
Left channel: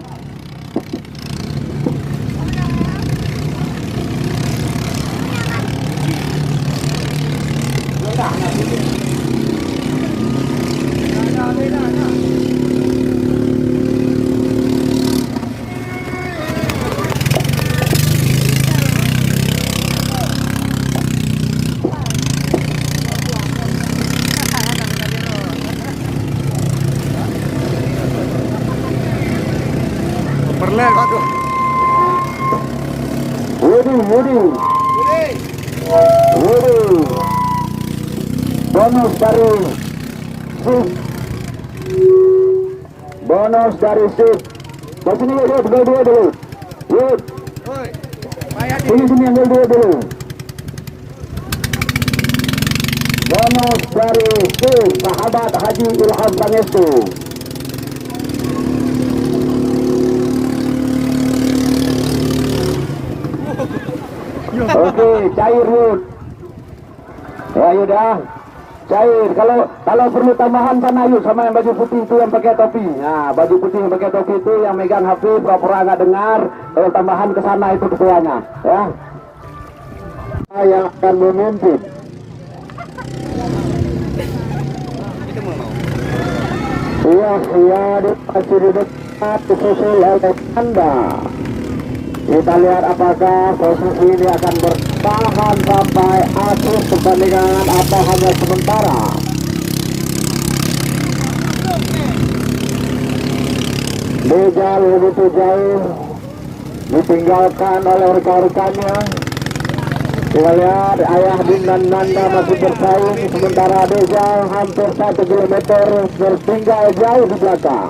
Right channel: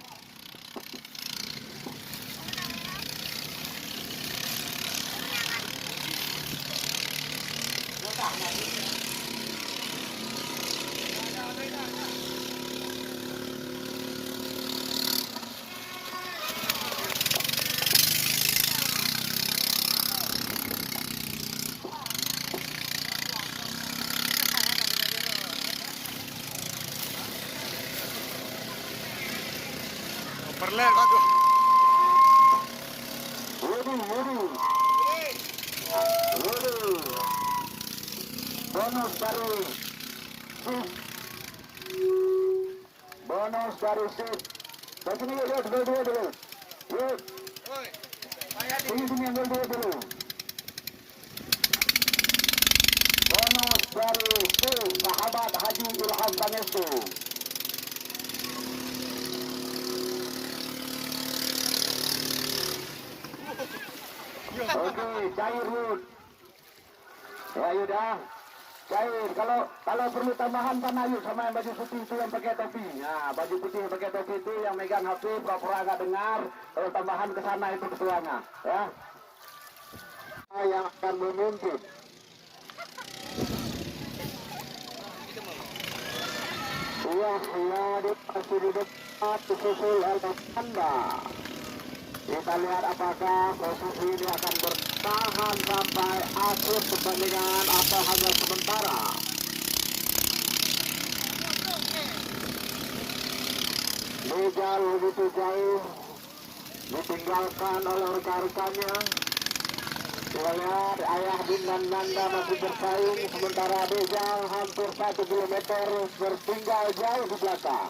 Perlen, aduh. Wudi. Bonus dari Sip. Sini Yud, gol 2 dulu. Yud. Sini yang gol 2 dulu. Bonus dari Sip, sahabat Haji Ilham Pangestu. Oke, cair Yud. Ya Yudah, cair. Kalau perlu tambahan kan Yud sama yang baju putih itu yang pakai topi. Nah, baju putih yang pakai topi itu yang megang HP pura-pura nggak dengar. Kalau tambahan ke sana itu ketuanya, ya. Yang akan memimpin. Iya, masih di dekat disusul oleh Anda. Kita lihat apakah posisi ini akan bertahan sampai akhir pertandingan atau hanya sementara. Bejal begitu jauh ditinggalkan oleh rekan-rekannya. Kita lihat Ayah Din dan Nanda masih bersaing, sementara Bejal hampir 1 kilometer tertinggal jauh di belakang.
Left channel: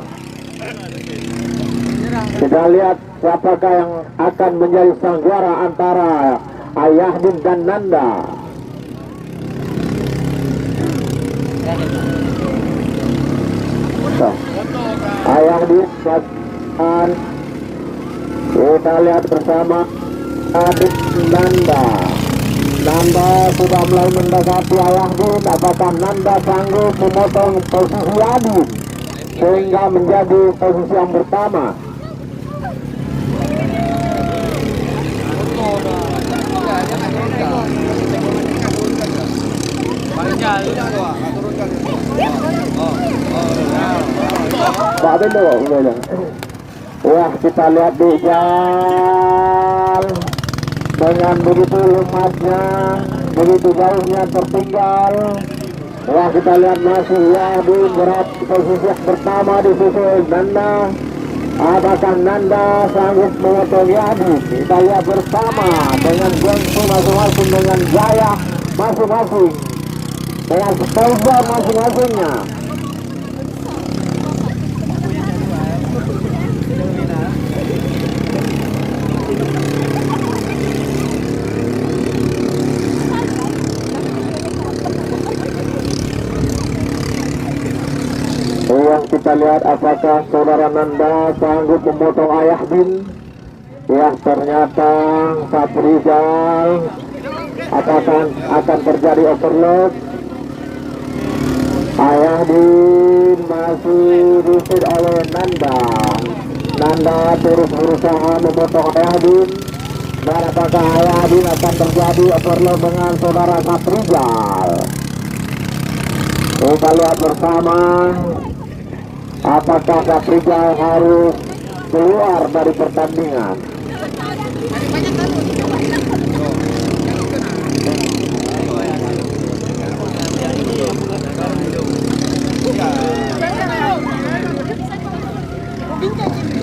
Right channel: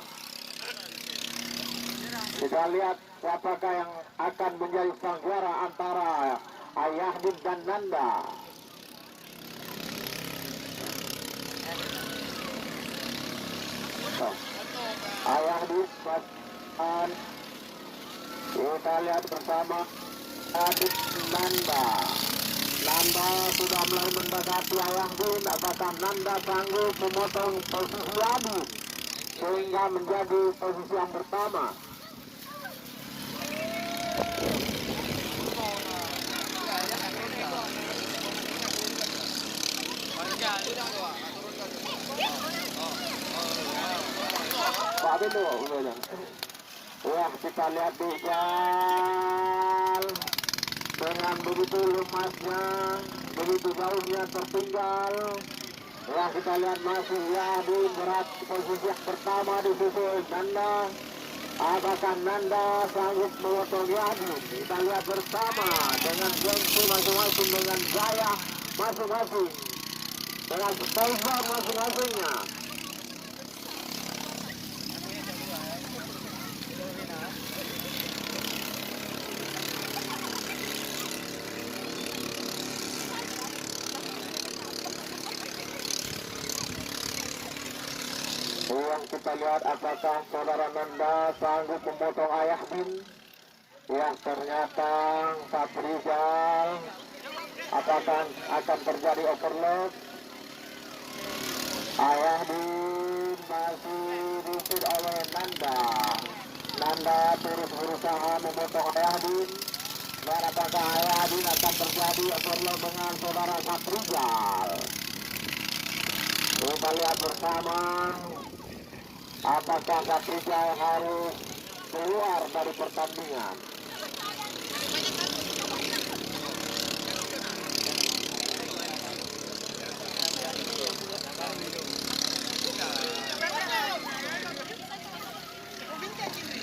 Kita lihat siapakah yang akan menjadi sang juara antara Ayah Din dan Nanda. Ayah Din dan kita lihat bersama Adik Nanda. Nanda sudah mulai mendekati Ayah Din. Apakah Nanda sanggup memotong posisi Adin sehingga menjadi posisi yang pertama? Pak Bendo, wah kita lihat di jalan dengan begitu lumasnya, begitu jauhnya tertinggal. Wah kita lihat masih di berat posisi yang pertama di susul Nanda. Apakah Nanda sanggup memotong Yadi? Kita lihat bersama dengan gengsi masing-masing, dengan gaya masing-masing, dengan sponsor masing-masingnya. Yang kita lihat apakah saudara Nanda sanggup memotong Ayah Din. Ya ternyata Saprizal. Apakah akan terjadi overload? Ayah Din masih diusir oleh Nanda. Nanda terus berusaha memotong Ayah Din. Dan apakah Ayah Din akan terjadi overload dengan saudara Saprizal? Kita lihat bersama. Apakah Saprizal harus keluar dari pertandingan?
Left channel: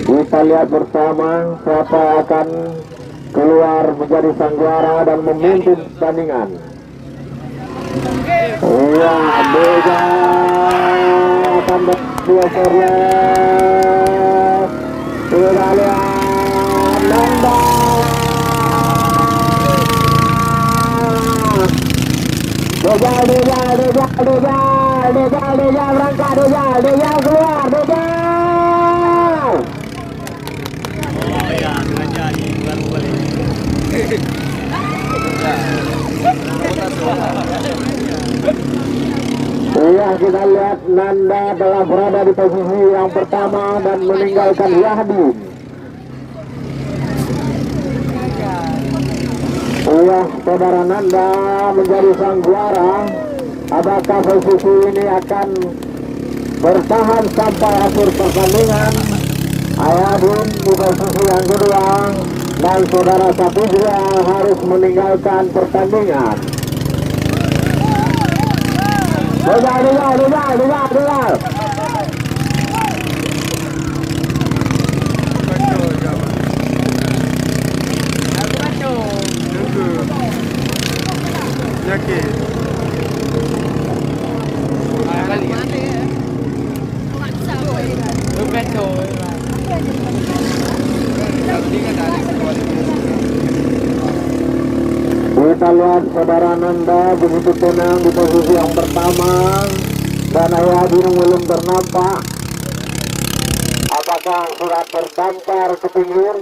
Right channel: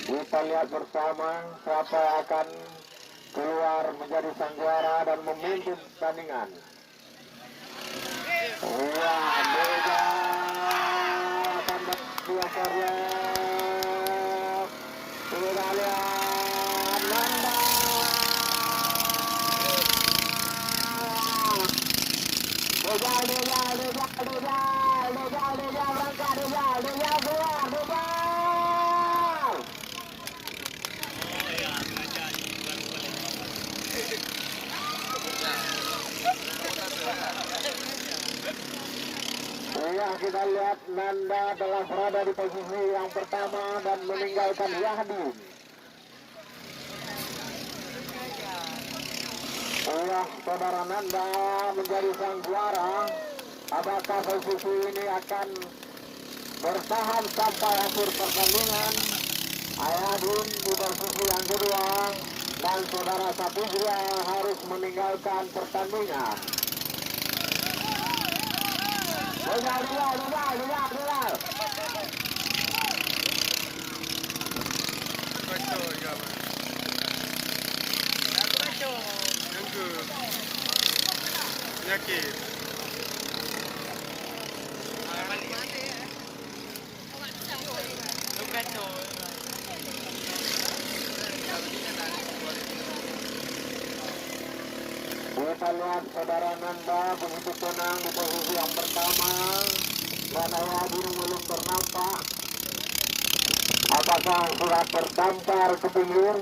Kita lihat bersama siapa akan keluar menjadi sang juara dan memimpin pertandingan. Wah, Beda akan bergeser. Kita lihat Nanda. Deja berangkat, Deja keluar, Deja. Iya, kita lihat Nanda telah berada di posisi yang pertama dan meninggalkan Yahdi. Iya, saudara Nanda menjadi sang juara Apakah posisi ini akan bertahan sampai akhir pertandingan? Ayadin di posisi yang kedua dan saudara Sapitra harus meninggalkan pertandingan. Dengar. Kita lihat saudara Nanda begitu tenang di posisi yang pertama dan Ayadin belum ternampak. Apakah sudah terdampar ke pinggir?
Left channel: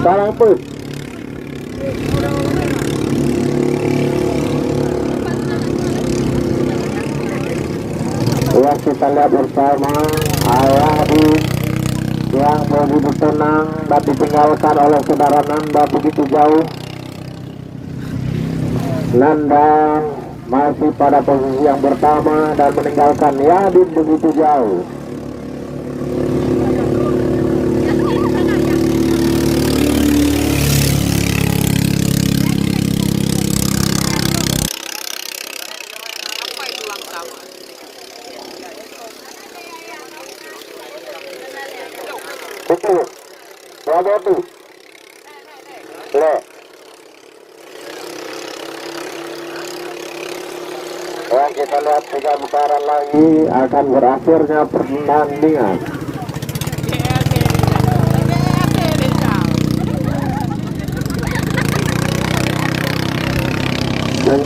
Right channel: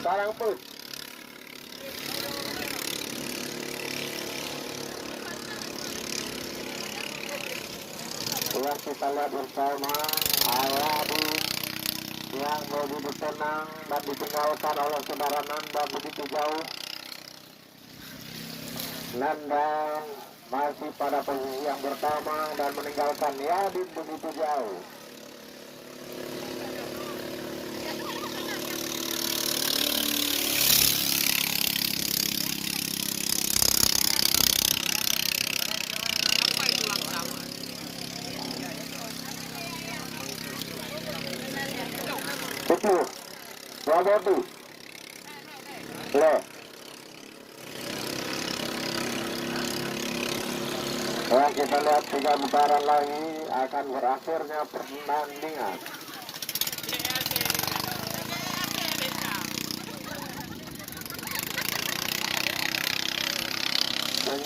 Salah pun. Ya, kita lihat bersama Ayadin yang begitu tenang dan ditinggalkan oleh saudara Nanda begitu jauh. Nanda masih pada posisi yang pertama dan meninggalkan Ayadin begitu jauh. Betul, Wabodi, le. Ya, kita lihat 3 putaran lagi akan berakhirnya pertandingan. Ya.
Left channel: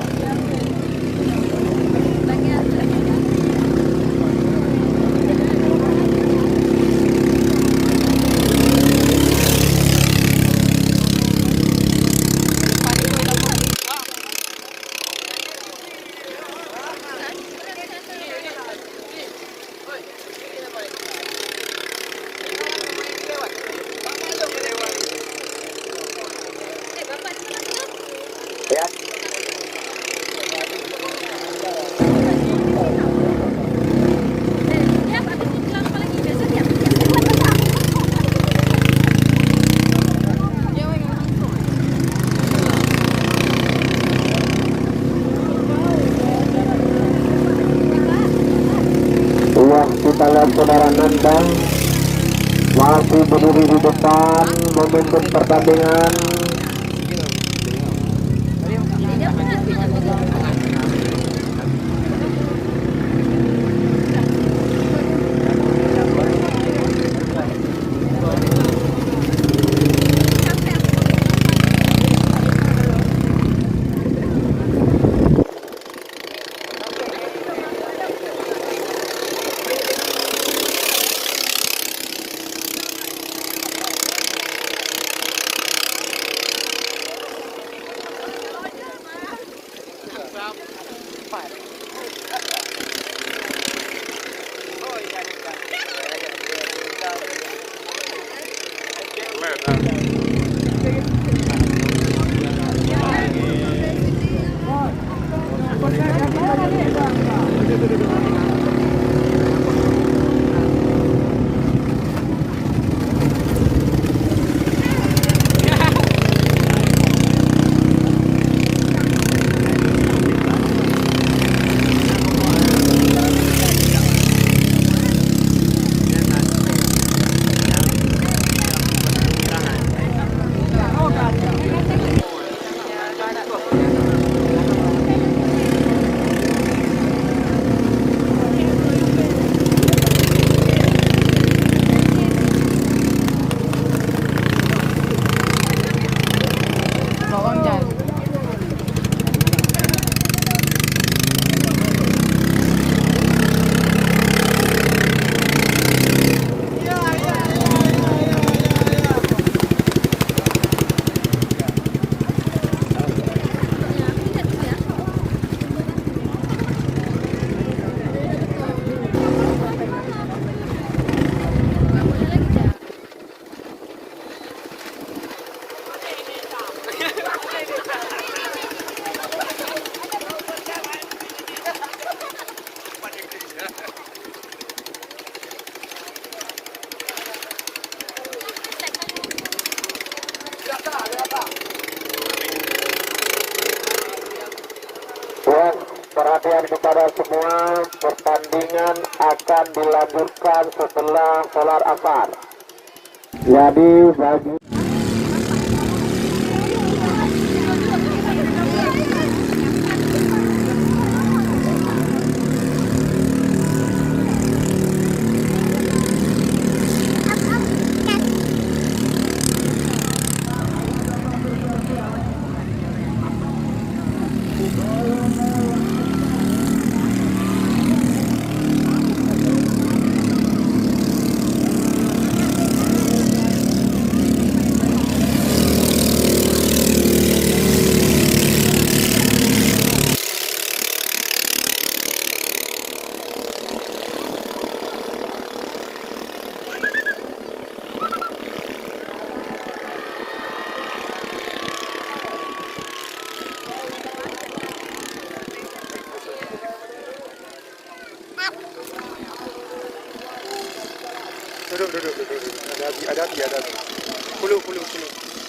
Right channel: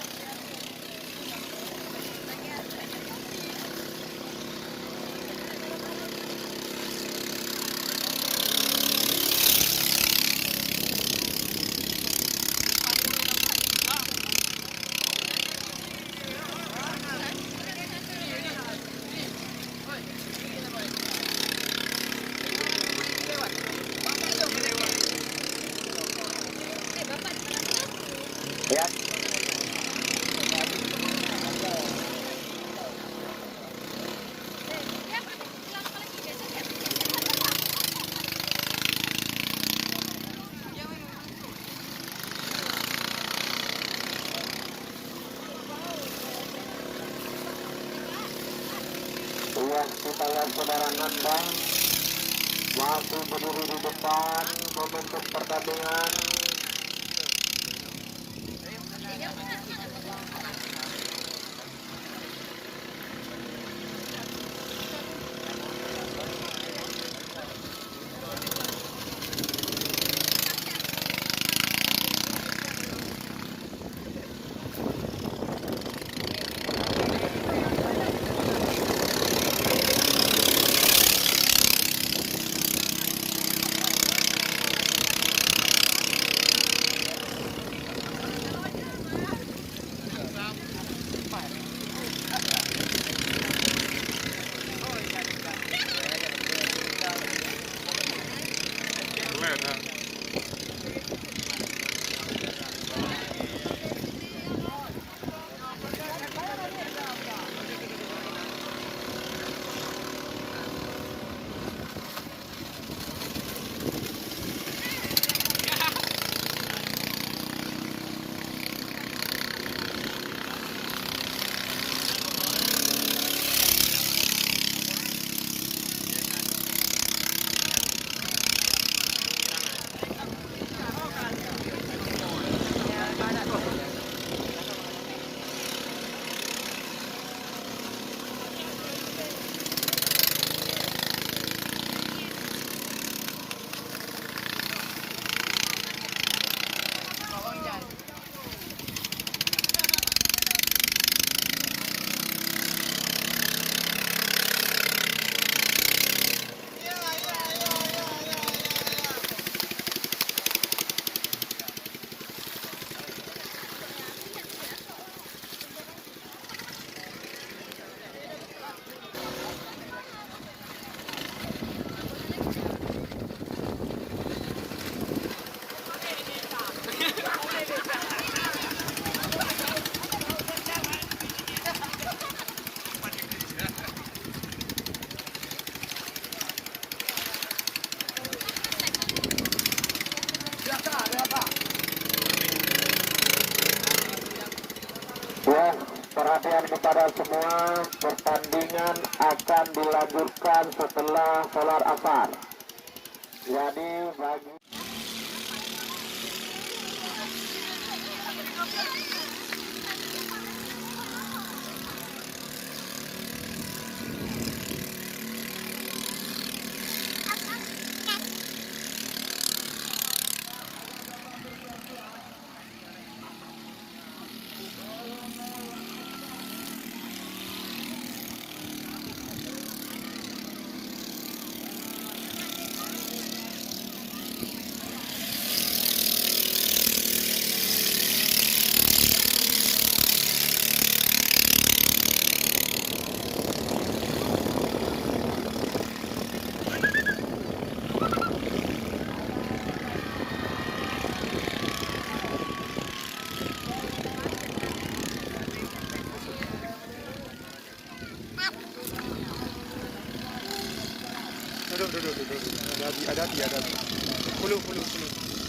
Kita lihat saudara Nanda masih berdiri di depan memimpin pertandingan. perhatian kepada semua, pertandingan akan dilanjutkan setelah sholat asar. Jadi bagi Duduk. Ada api. Puluh.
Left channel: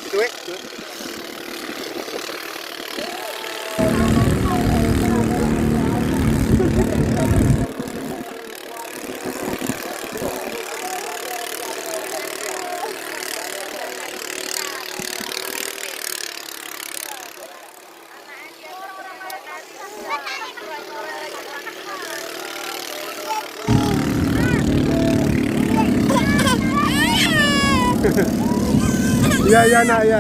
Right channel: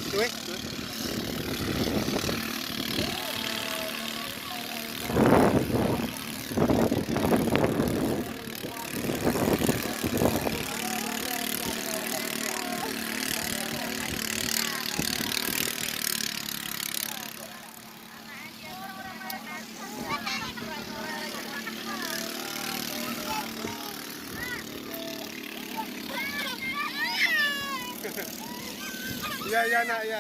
Itu Itu. Ya, nak, ya.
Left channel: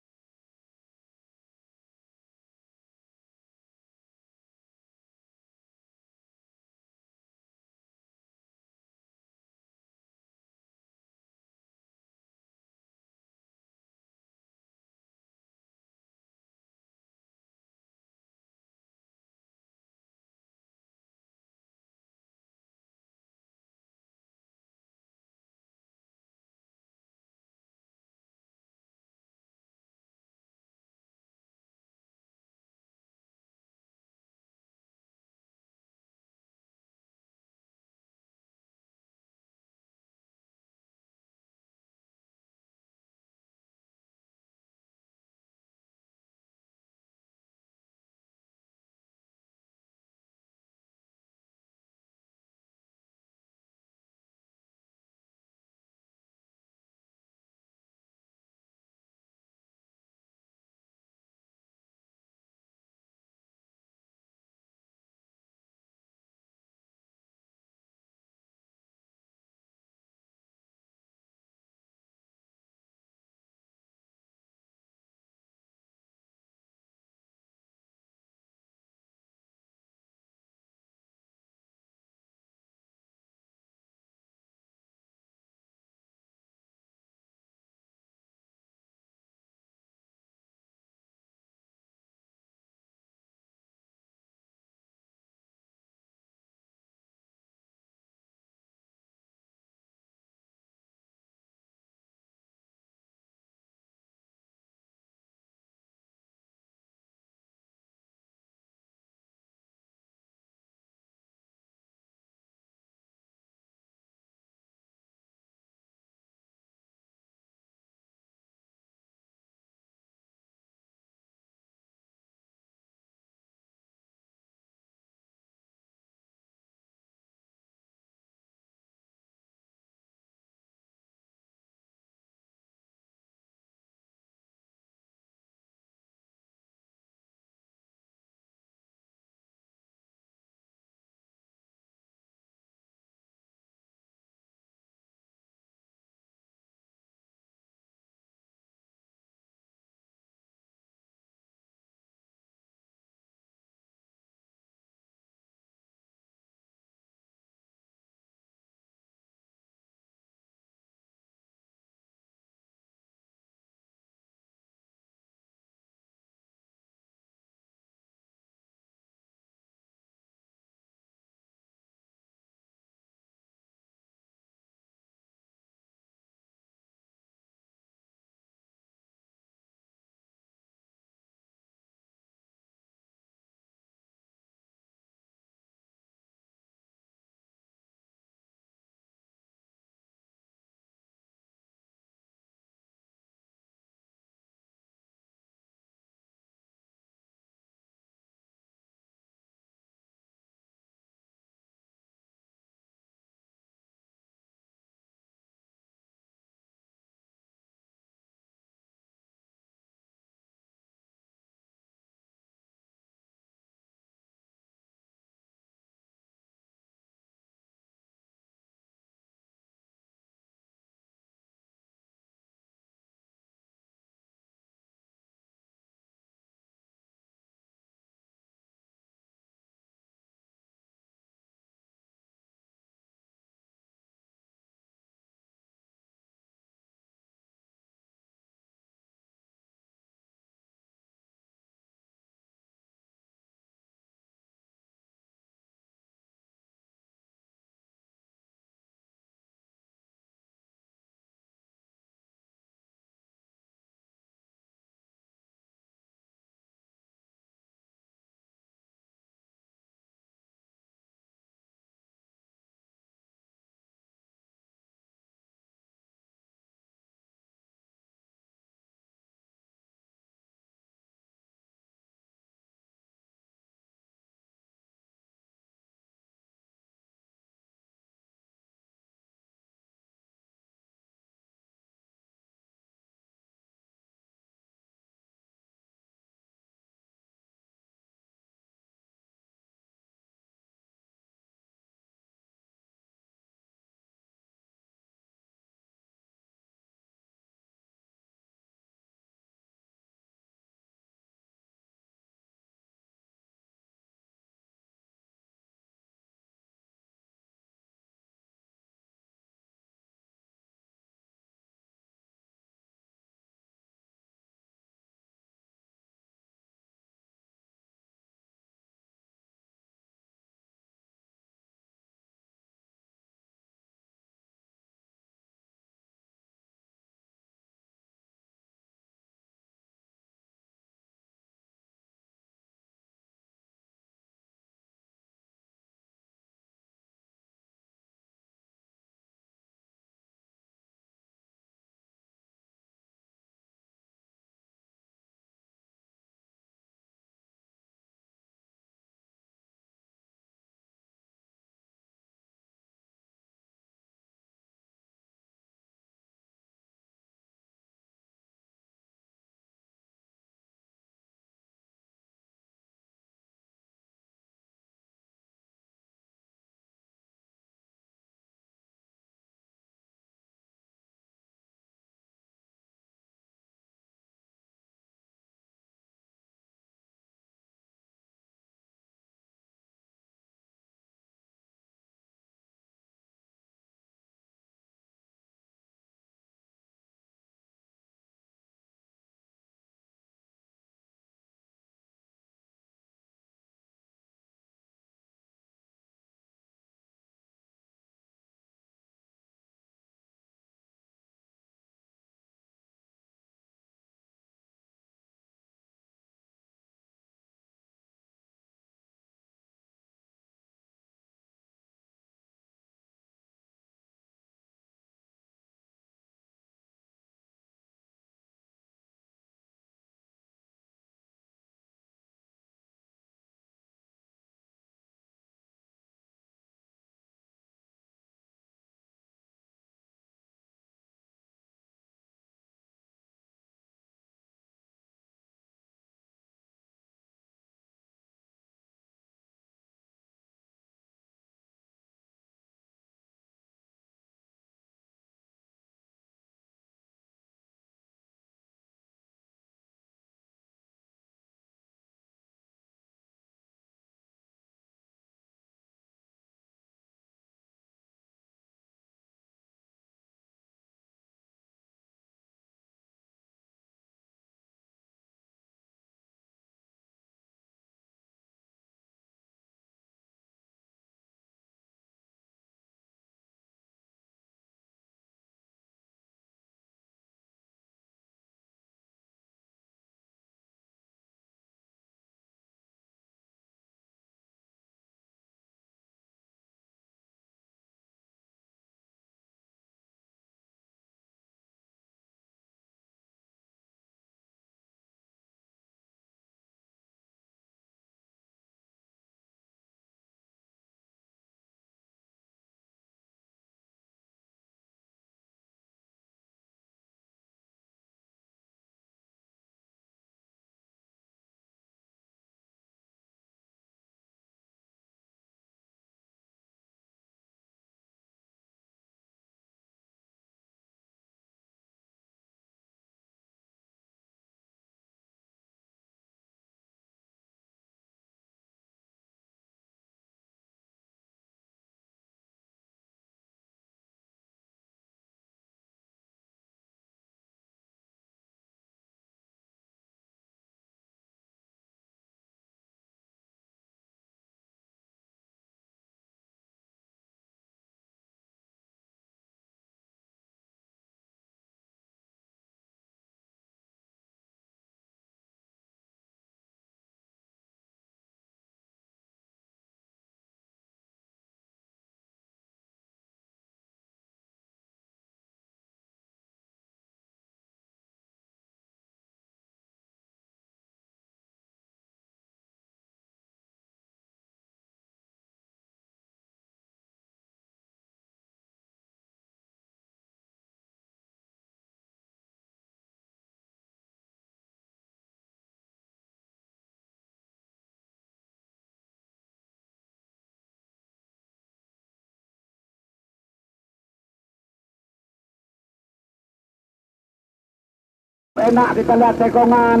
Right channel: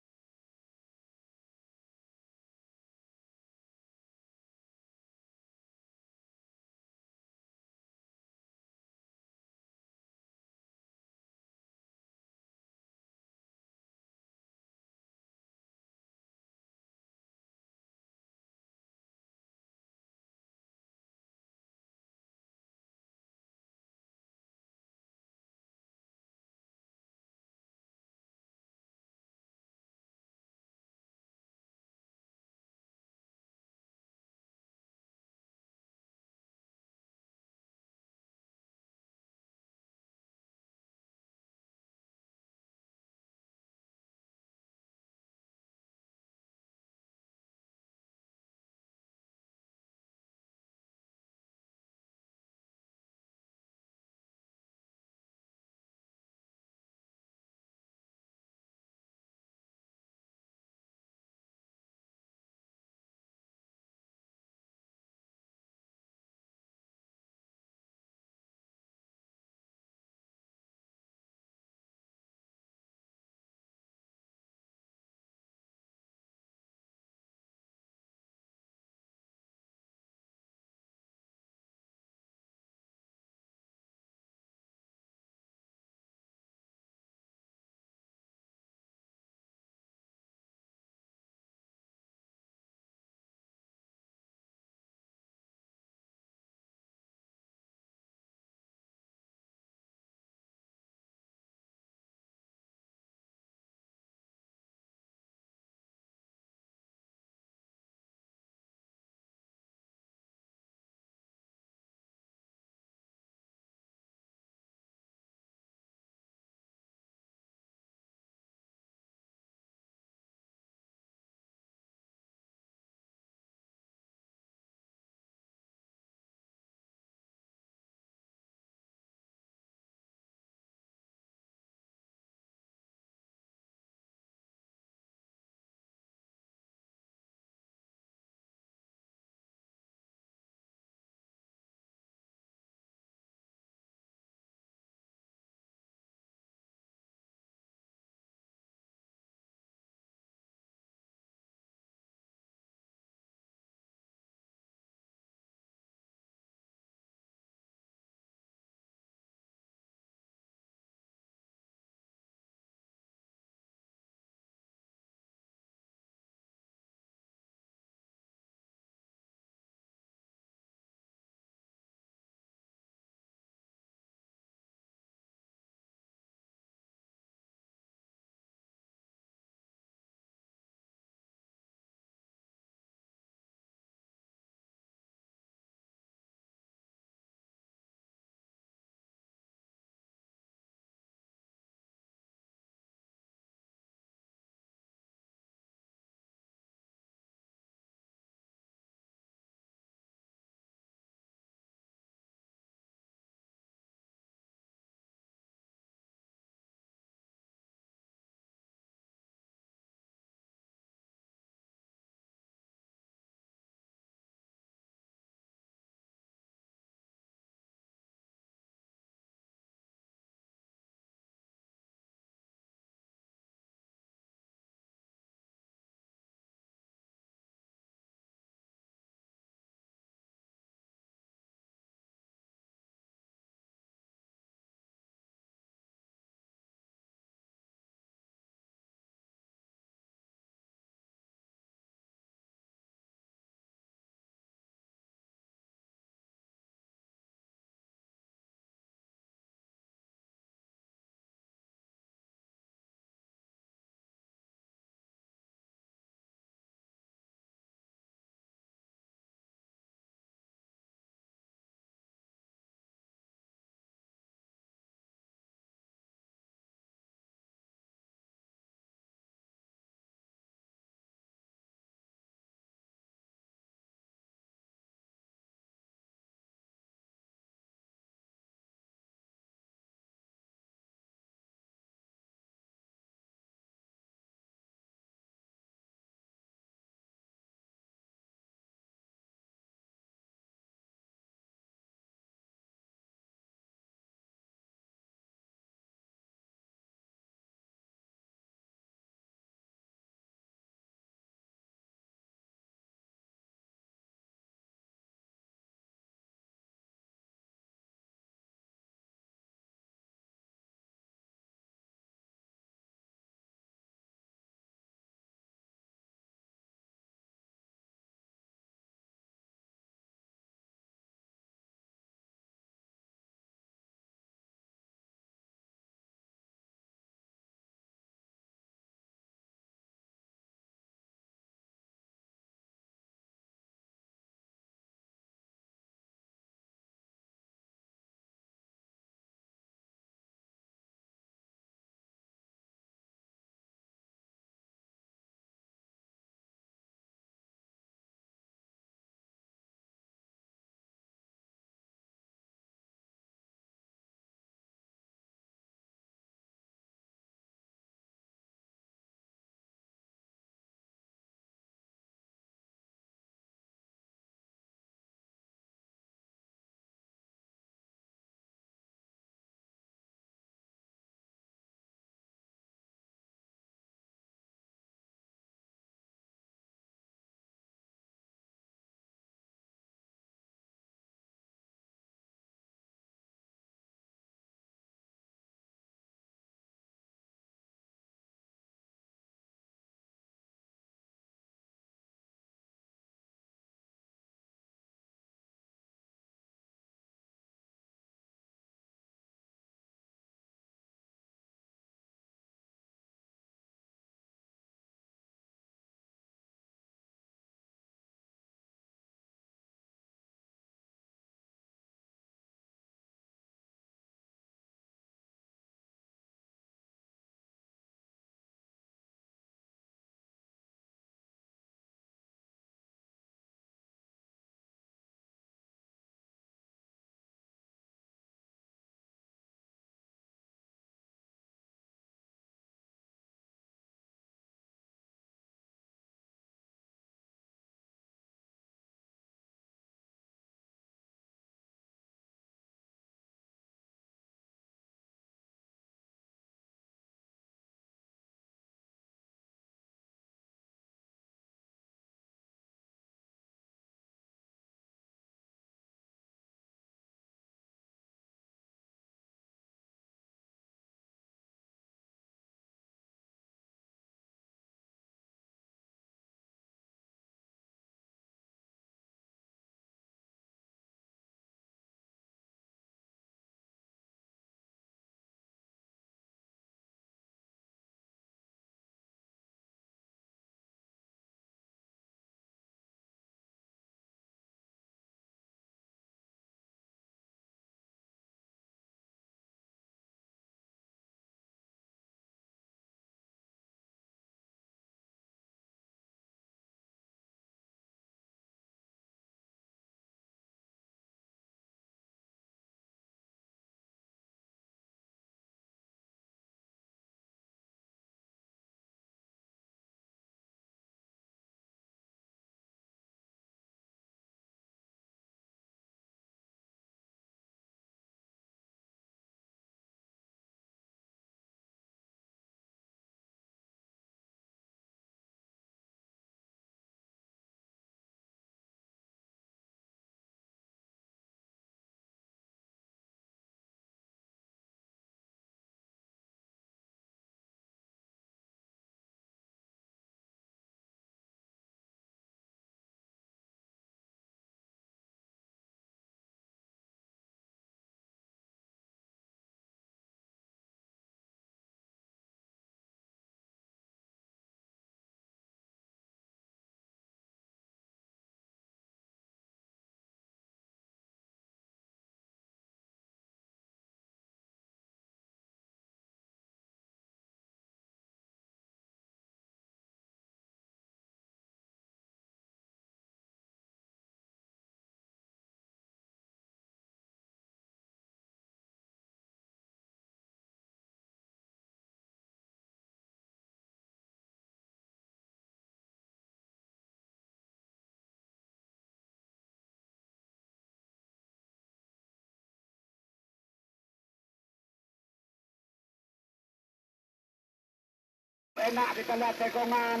Enak kita lihat tekongan.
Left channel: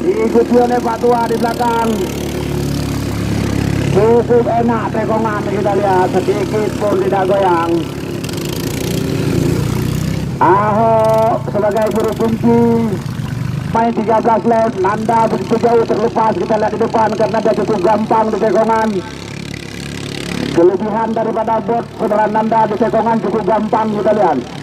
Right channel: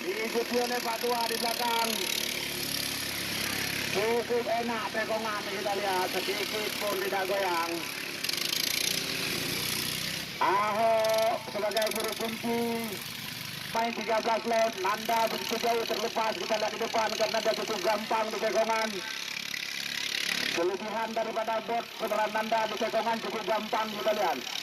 Diikuti oleh Pak Tua di belakang. Cukup enak tekongan kita lihat, sedikit pun tidak goyang. Ahok sebagai guru kunci main 13 lap. Nanda begitu jauh terlepas, kita lihat di depan karena dia cukup gampang di tekongan. Kelebihan daripada bot saudara Nanda di tekongan cukup gampang kita lihat.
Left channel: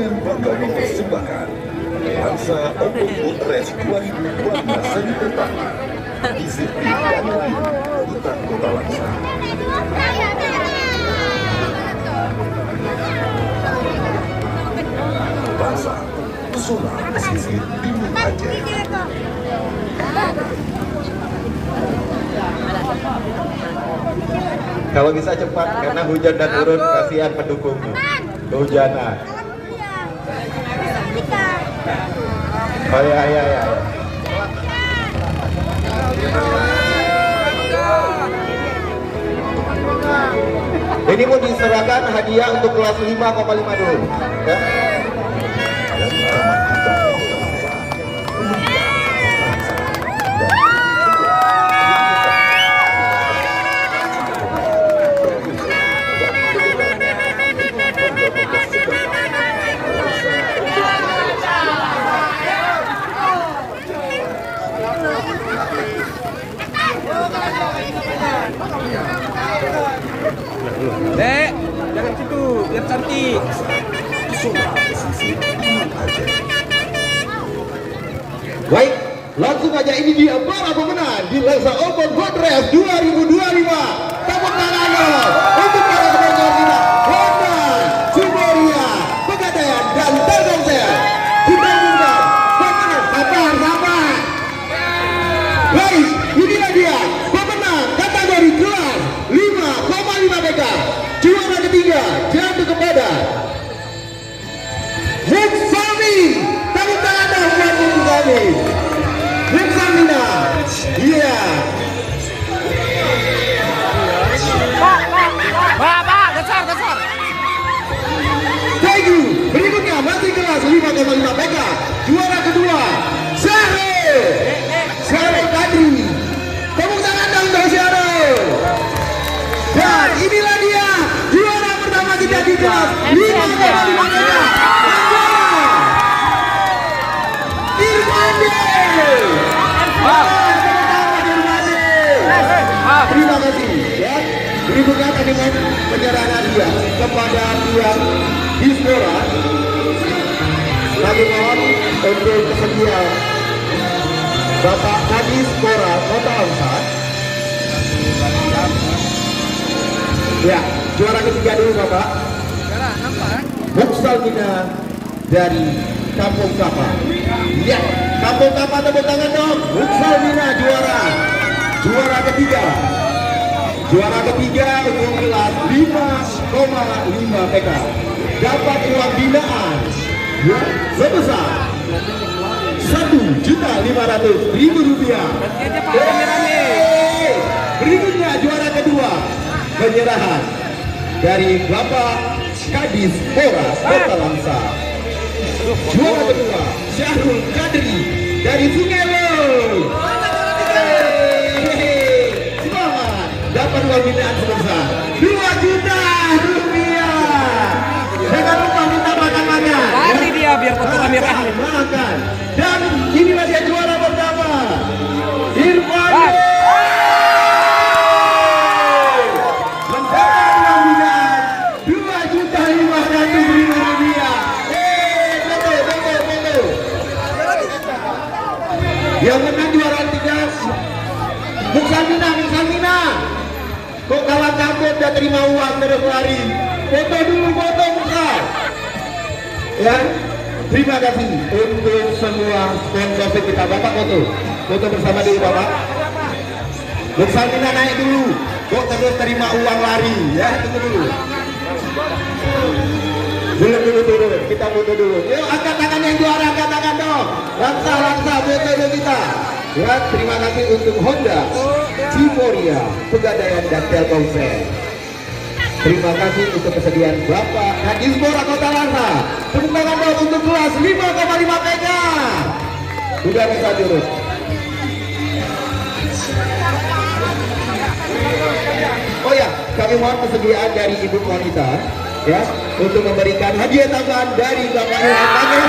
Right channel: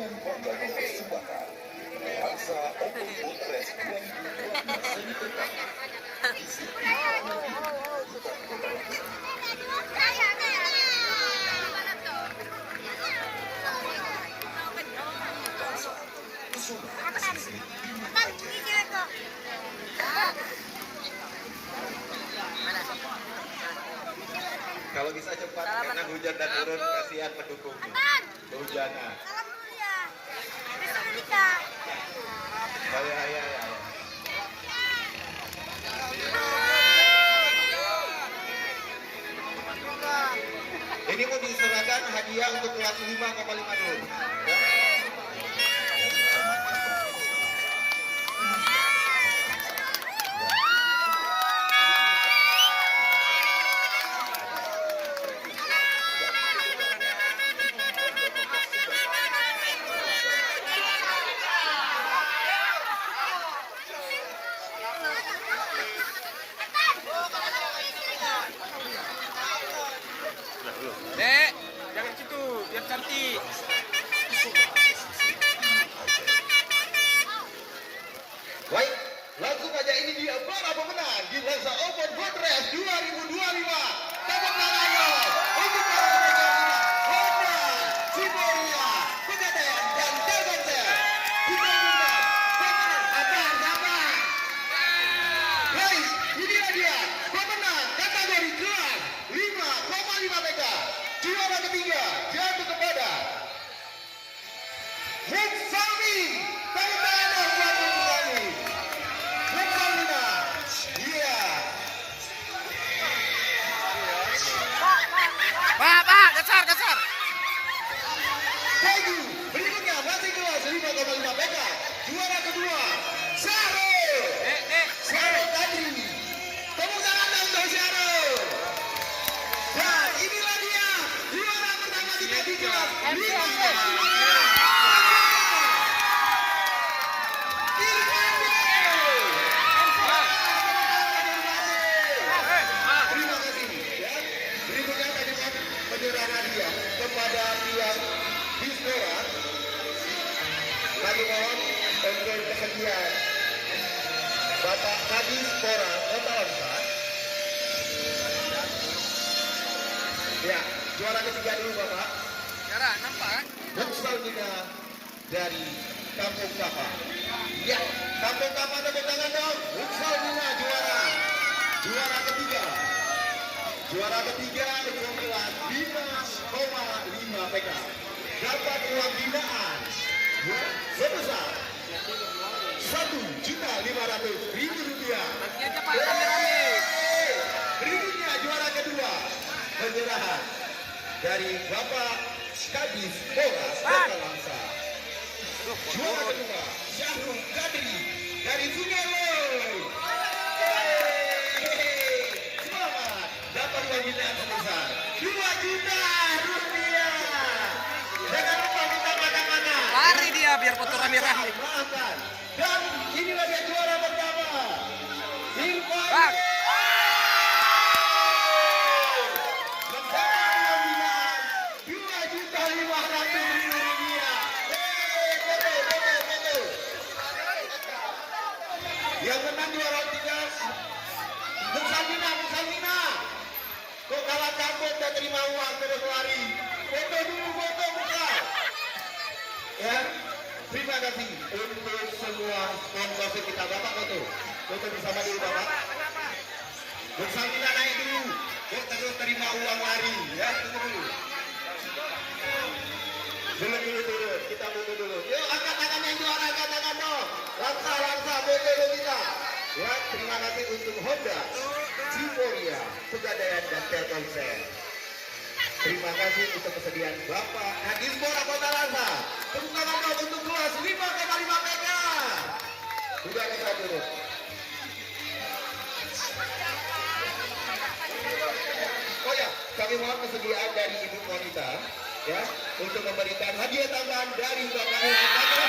dengan bangga mempersembahkan Lansa Open Boat Race 2002 seri pertama di sirkuit Danau Hutan Kota Langsa. Langsa, pesona pesisir timur Aceh. Kalau bisa cepat karena hujan dan turun, kasihan pendukungmu. Kehujanan. Oh ya ya ya. Ini mau diserahkan hadiah untuk kelas 5,5 dulu. Ya. Dek, jangan gitu, biar cantik. Baik, langsung aja ini dia para pemenang di Lansa Open Boat Race 2025. Tepuk tangan dong untuk para sponsor kita, Honda, Ciboria, Pegadaian dan Telkomsel. Kita umumkan pemenang sabar. Guys, inilah dia pemenang kategori kelas 5,5 PK. Juara ketiga jatuh kepada Muksami. Tepuk tangan dong buat Muksami. Muksamina. Iya. Pak, besar. Thank you. Berikutnya masih kelas 5,5 PK. Juara kedua Syarul Kadri. Tepuk tangan dong untuk Syarul. Dan inilah dia juara pertama kita di kelas 5,5 PK. Terima kasih ya. Berikutnya kami penyerahan hadiah kepada pihak Dispora. Kami mohon untuk bersedia Bapak Kadis Dispora Kota Langsa. Ya, juara ketiga dulu Bapak. Muksalmina dari Kampung Kapa. Ya, Kampung Kapa tepuk tangan dong. Muksalmina juara ketiga. Juara ketiga untuk kelas 5,5 PK. Dapat uang binaan ya, sebesar Rp1.500.000. Berikutnya juara kedua penyerahan dari Bapak Kadis Dispora Kota Langsa. Juara kedua Syarul Kadri dari Sungai Loy. Semangat, dapat uang binaan sebesar Rp2 juta. Jangan lupa minta makan-makan. Lari dia biar foto kameranya. Makan. Dan inilah dia juara pertama, Irfan. Mendapat uang binaan Rp2.500.000. Betul. Yang menang juara tiga Muksamina. Kok kalah kabut dan terima uang terus lari. Foto dulu Muka. Ya, terima kasih untuk semua sponsor kita. Bapak foto bersama dulu Bapak. Muksamina naik dulu. Kok terus terima uang lari. Ya, tunggu dulu. Dulu. Kita foto dulu. Yuk, angkat tangan yang juara, angkat tangan dong. Langsa, foto dulu kita. Ya, terima kasih untuk Honda, Ciboria, Pegadaian dan Telkomsel. Terima kasih untuk kesediaan Bapak Kadis Dispora Kota Langsa. Tepuk tangan dong untuk kelas 5,5 PK. Sudah bisa turun. Oh ya, kami mohon kesediaan dari Ibu Wanita ya untuk memberikan hadiah tambahan dari Bapak Irfan.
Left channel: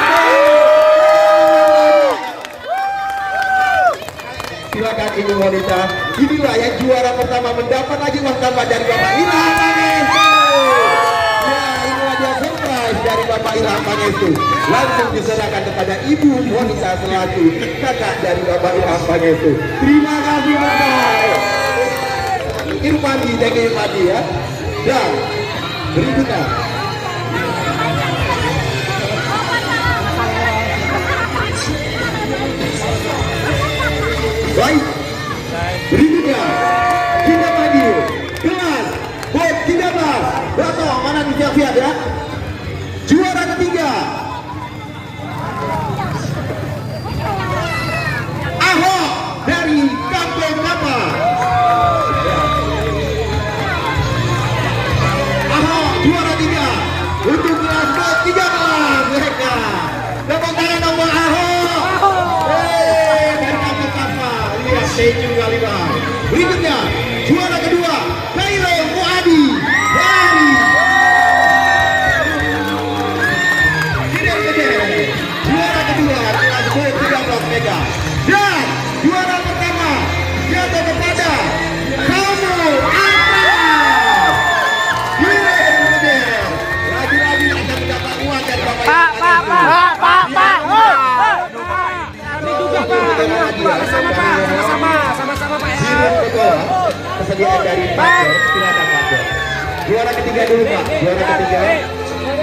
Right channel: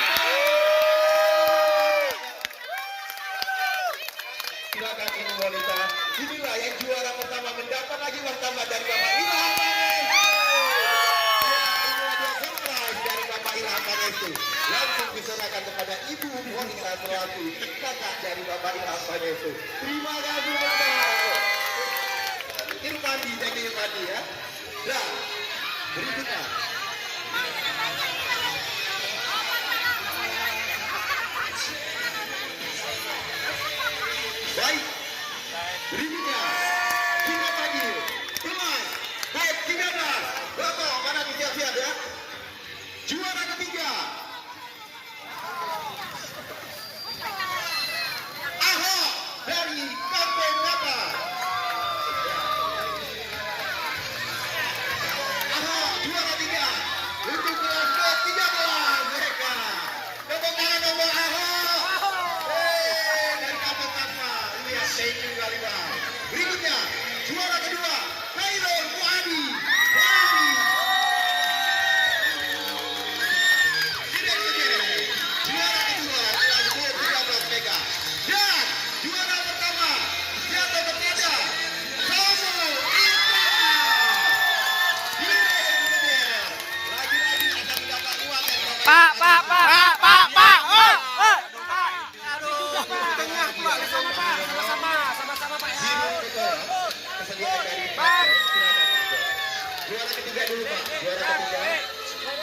Silakan Ibu Wanita. Inilah yang juara pertama mendapat lagi uang tambah dari Bapak Irfan. Ya, ini ada surprise dari Bapak Bapak Ilham Pangestu langsung diserahkan kepada Ibu Monica selaku kakak dari Bapak Ilham Pangestu. Terima kasih Bapak Irfandi, thank you Irfandi ya. Dan berikutnya baik, berikutnya kita panggil kelas BOT 13. Bapak mana nih siap-siap ya? Juara ketiga Ahok dari Kampung Kapa. Ahok juara 3 untuk kelas BOT 13 mereka. Tepuk tangan nomor Ahok. Dari Kampung Kapa. Lihat seju kali bang. Berikutnya juara kedua Kairo Muadi dari juara kedua kelas BOT 13 Mega. Dan juara pertama jatuh kepada kamu Akram. Lagi-lagi akan mendapat uang dari Bapak Pak. Sama-sama Pak. Kesediaan dari Pak Jen, silakan Pak Jen. Juara ketiga dulu Pak, juara ketiga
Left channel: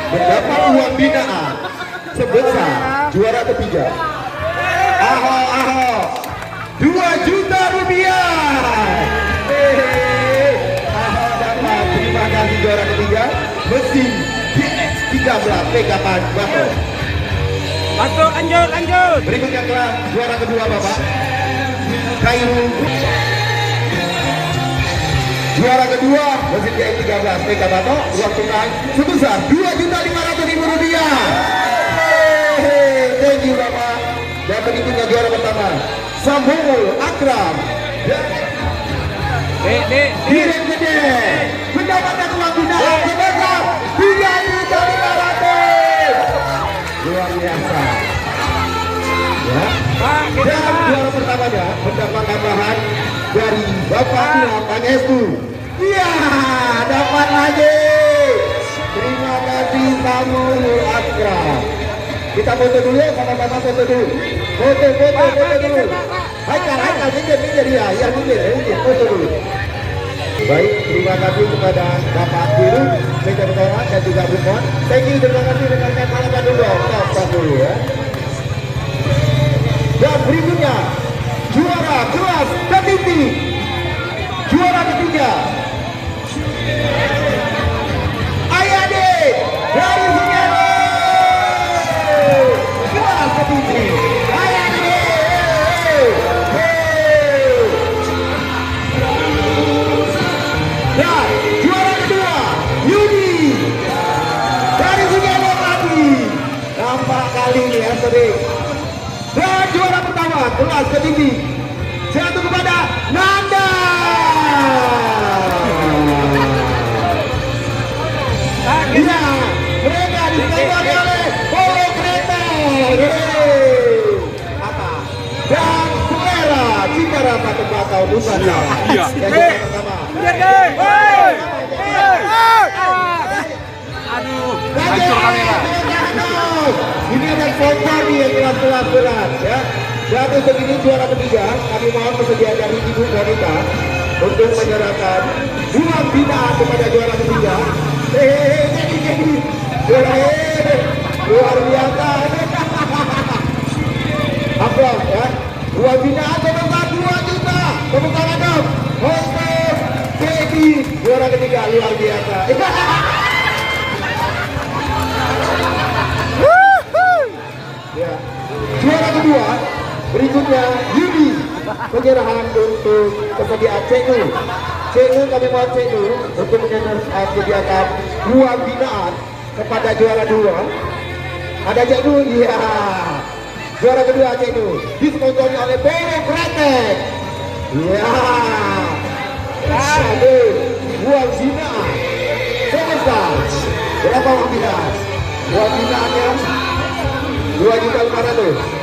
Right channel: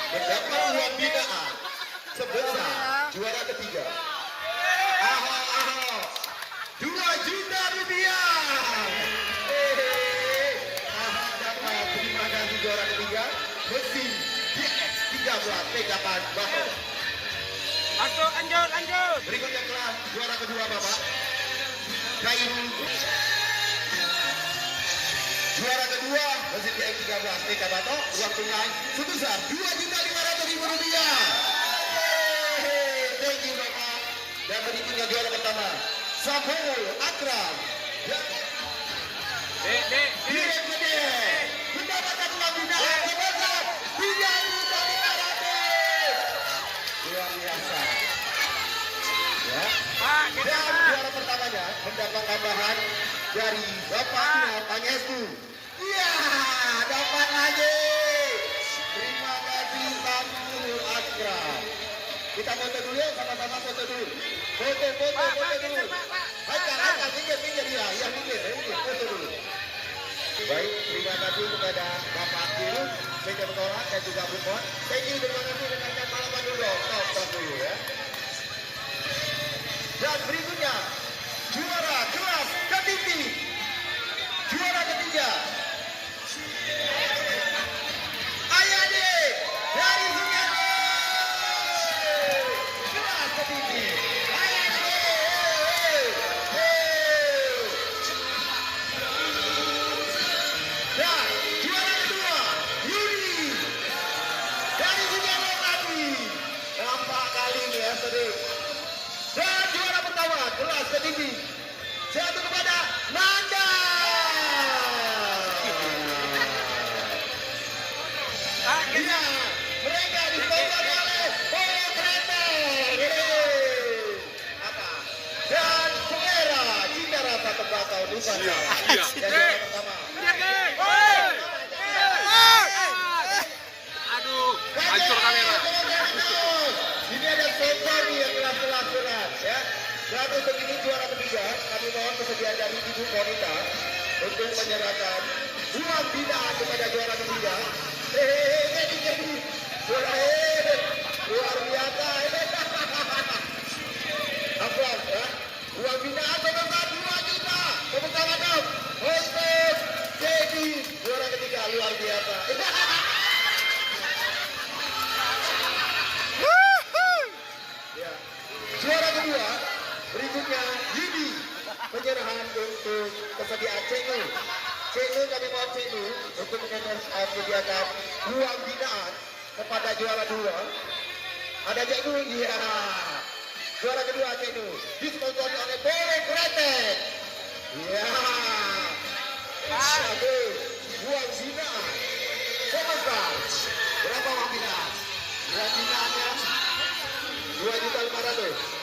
mendapat uang binaan sebesar juara ketiga Ahok 2 juta rupiah. Ahok dapat, terima kasih juara ketiga mesin GX13 Mega Bako. Lanjut. Berikutnya kelas juara kedua Bapak Kairo. Juara kedua mesin GX13 Mega Bako, uang tunai sebesar 2.500.000 rupiah. Thank you Bapak. Dan berikutnya juara pertama Sambul Akram Kirim Gede mendapatkan uang binaan sebesar 3.500.000. Luar biasa ya. Dan juara pertamanya mendapat tambahan dari Bapak Ilham Pangestu. Iya, dapat lagi. Terima kasih Sambul Akram. Kita foto dulu ya, sama-sama foto dulu. Foto dulu. Haikal, minggir ya, foto dulu. Baik, terima kasih kepada Bapak Biru, Medan Kawan dan juga Bu Mon. Thank you, terima kasih rekan-rekan malaman dulu. Stop dulu ya. Dan berikutnya juara kelas tertinggi, juara ketiga Ayade dari Sunyalo. Kelas tertinggi Ayade. Dan juara kedua Yudi dari Sunyalo tadi. Nampak kali ini ya sering. Dan juara pertama kelas tertinggi jatuh kepada Nanda. Iya, mereka diselenggarakan oleh Polo Kereta. Apa? Dan Selera Cita Rasa Tembakau Nusantara. Iya. Yang juara pertama. Aduh. Hancur kamera. Ini ada sponsor nih yang kelas berat ya. Dan untuk ini juara ketiga, kami mohon persediaan dari Ibu Monica untuk menyerahkan uang binaan kepada juara ketiga. Jadi juara luar biasa. Aplaus ya. Uang binaan sebesar 2 juta. Tepuk tangan dong. Untuk Dedi juara ketiga luar biasa. Ya. Juara kedua berikutnya Yudi, penyerahan untuk persediaan Cenu kami mohon Cenu untuk menyediakan uang binaan kepada juara dua. Ada Cenu, iya. Juara kedua Cenu disponsori oleh Polo Kretek. Iya. Ada uang binaan sebesar berapa uang binaan? Uang binaannya 2.500.000.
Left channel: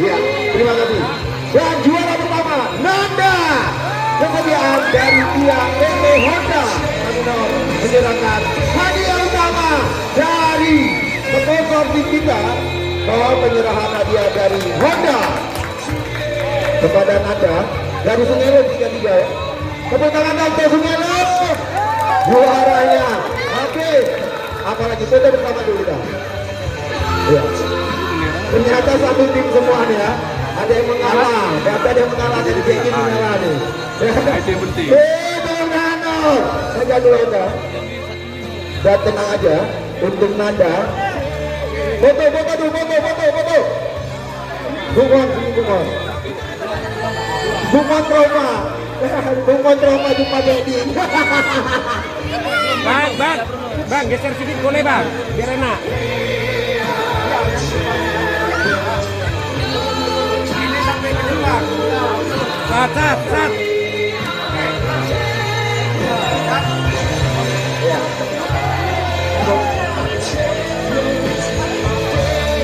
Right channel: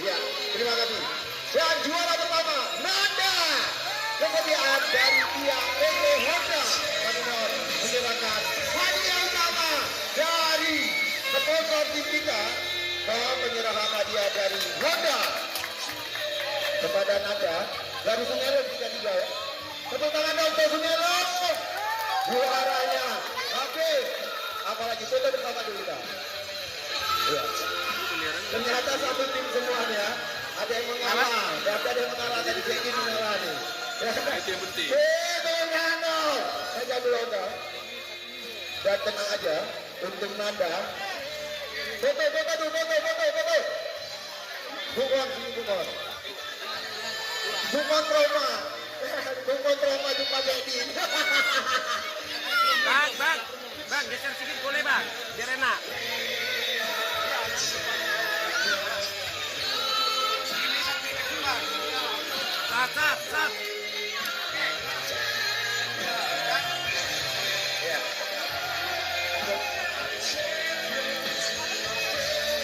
Ya, terima kasih. Dan juara pertama Nanda, kesediaan dari pihak PT Honda. Kami mohon menyerahkan hadiah utama dari tim kita bahwa penyerahan hadiah dari Honda kepada Nanda dari Sungelo 33 ya. Tepuk tangan untuk Sungelo. Juaranya. Oke. Apalagi foto bersama dulu kita. Ya. Ternyata satu tim semuanya. Ada yang mengalah. Data ada yang mengalah dari dia ini mengalah nih. Itu yang penting. Bung Nano. Saya dulu Anda. Dan tenang aja. Untuk Nanda. Foto. Bumon trauma jumpa Dedi. Bang, geser sedikit boleh bang, biar enak. Ini sampai kedua. Sat.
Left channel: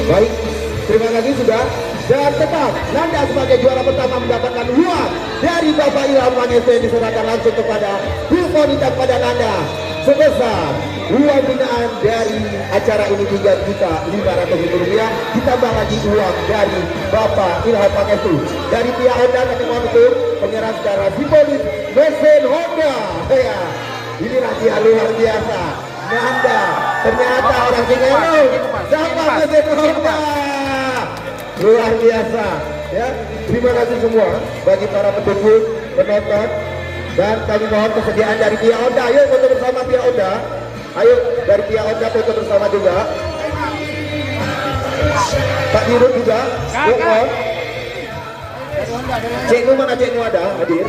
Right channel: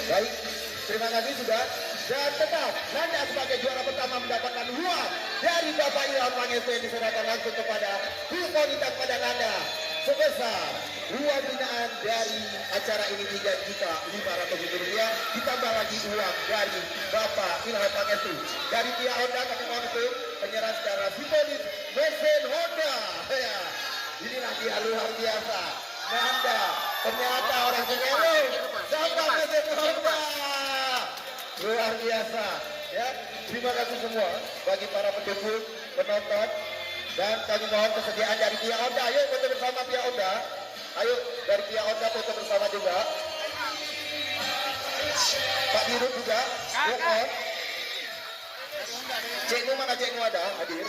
Baik, terima kasih sudah. Dan tetap Nanda sebagai juara pertama mendapatkan uang dari Bapak Ilham Mangese yang diserahkan langsung kepada Bulmonita pada Nanda sebesar uang binaan dari acara ini Rp3.500.000 ditambah lagi uang dari Bapak Ilham Mangese. Dari pihak Honda kami mohon untuk penyerahan secara simbolis mesin Honda. Ya, inilah dia luar biasa. Nanda ternyata orang Singelo dapat mesin Honda. Luar biasa ya. Terima kasih semua bagi para pendukung, penonton, dan kami mohon kesediaan dari pihak Honda. Ayo foto bersama pihak Honda. Ayo dari pihak Honda foto bersama juga. Pak Dirut juga. Mohon. Cik Nu mana Cik Nu ada hadir.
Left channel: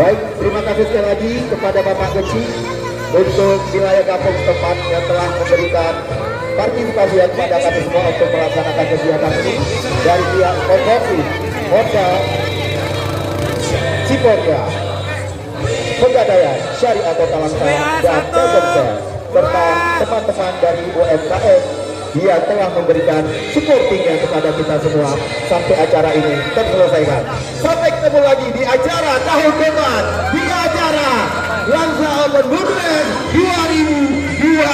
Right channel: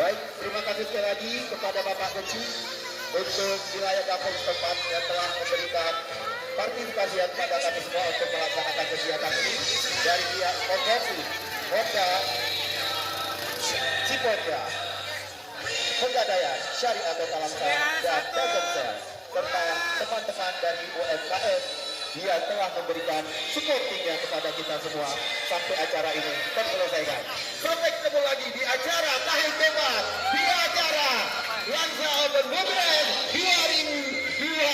Baik, terima kasih sekali lagi kepada Bapak Kecil untuk wilayah kampung setempat yang telah memberikan partisipasi kepada kami semua untuk melaksanakan kegiatan ini dari pihak konsorsi Honda, Cipoga, Pegadaian, Syariah Kota Langsa, dan Telkomsel, serta teman-teman dari UMKM yang telah memberikan supportingnya kepada kita semua sampai acara ini terselesaikan. Sampai ketemu lagi di acara tahun depan, di acara Langsa Open Book Race 2000.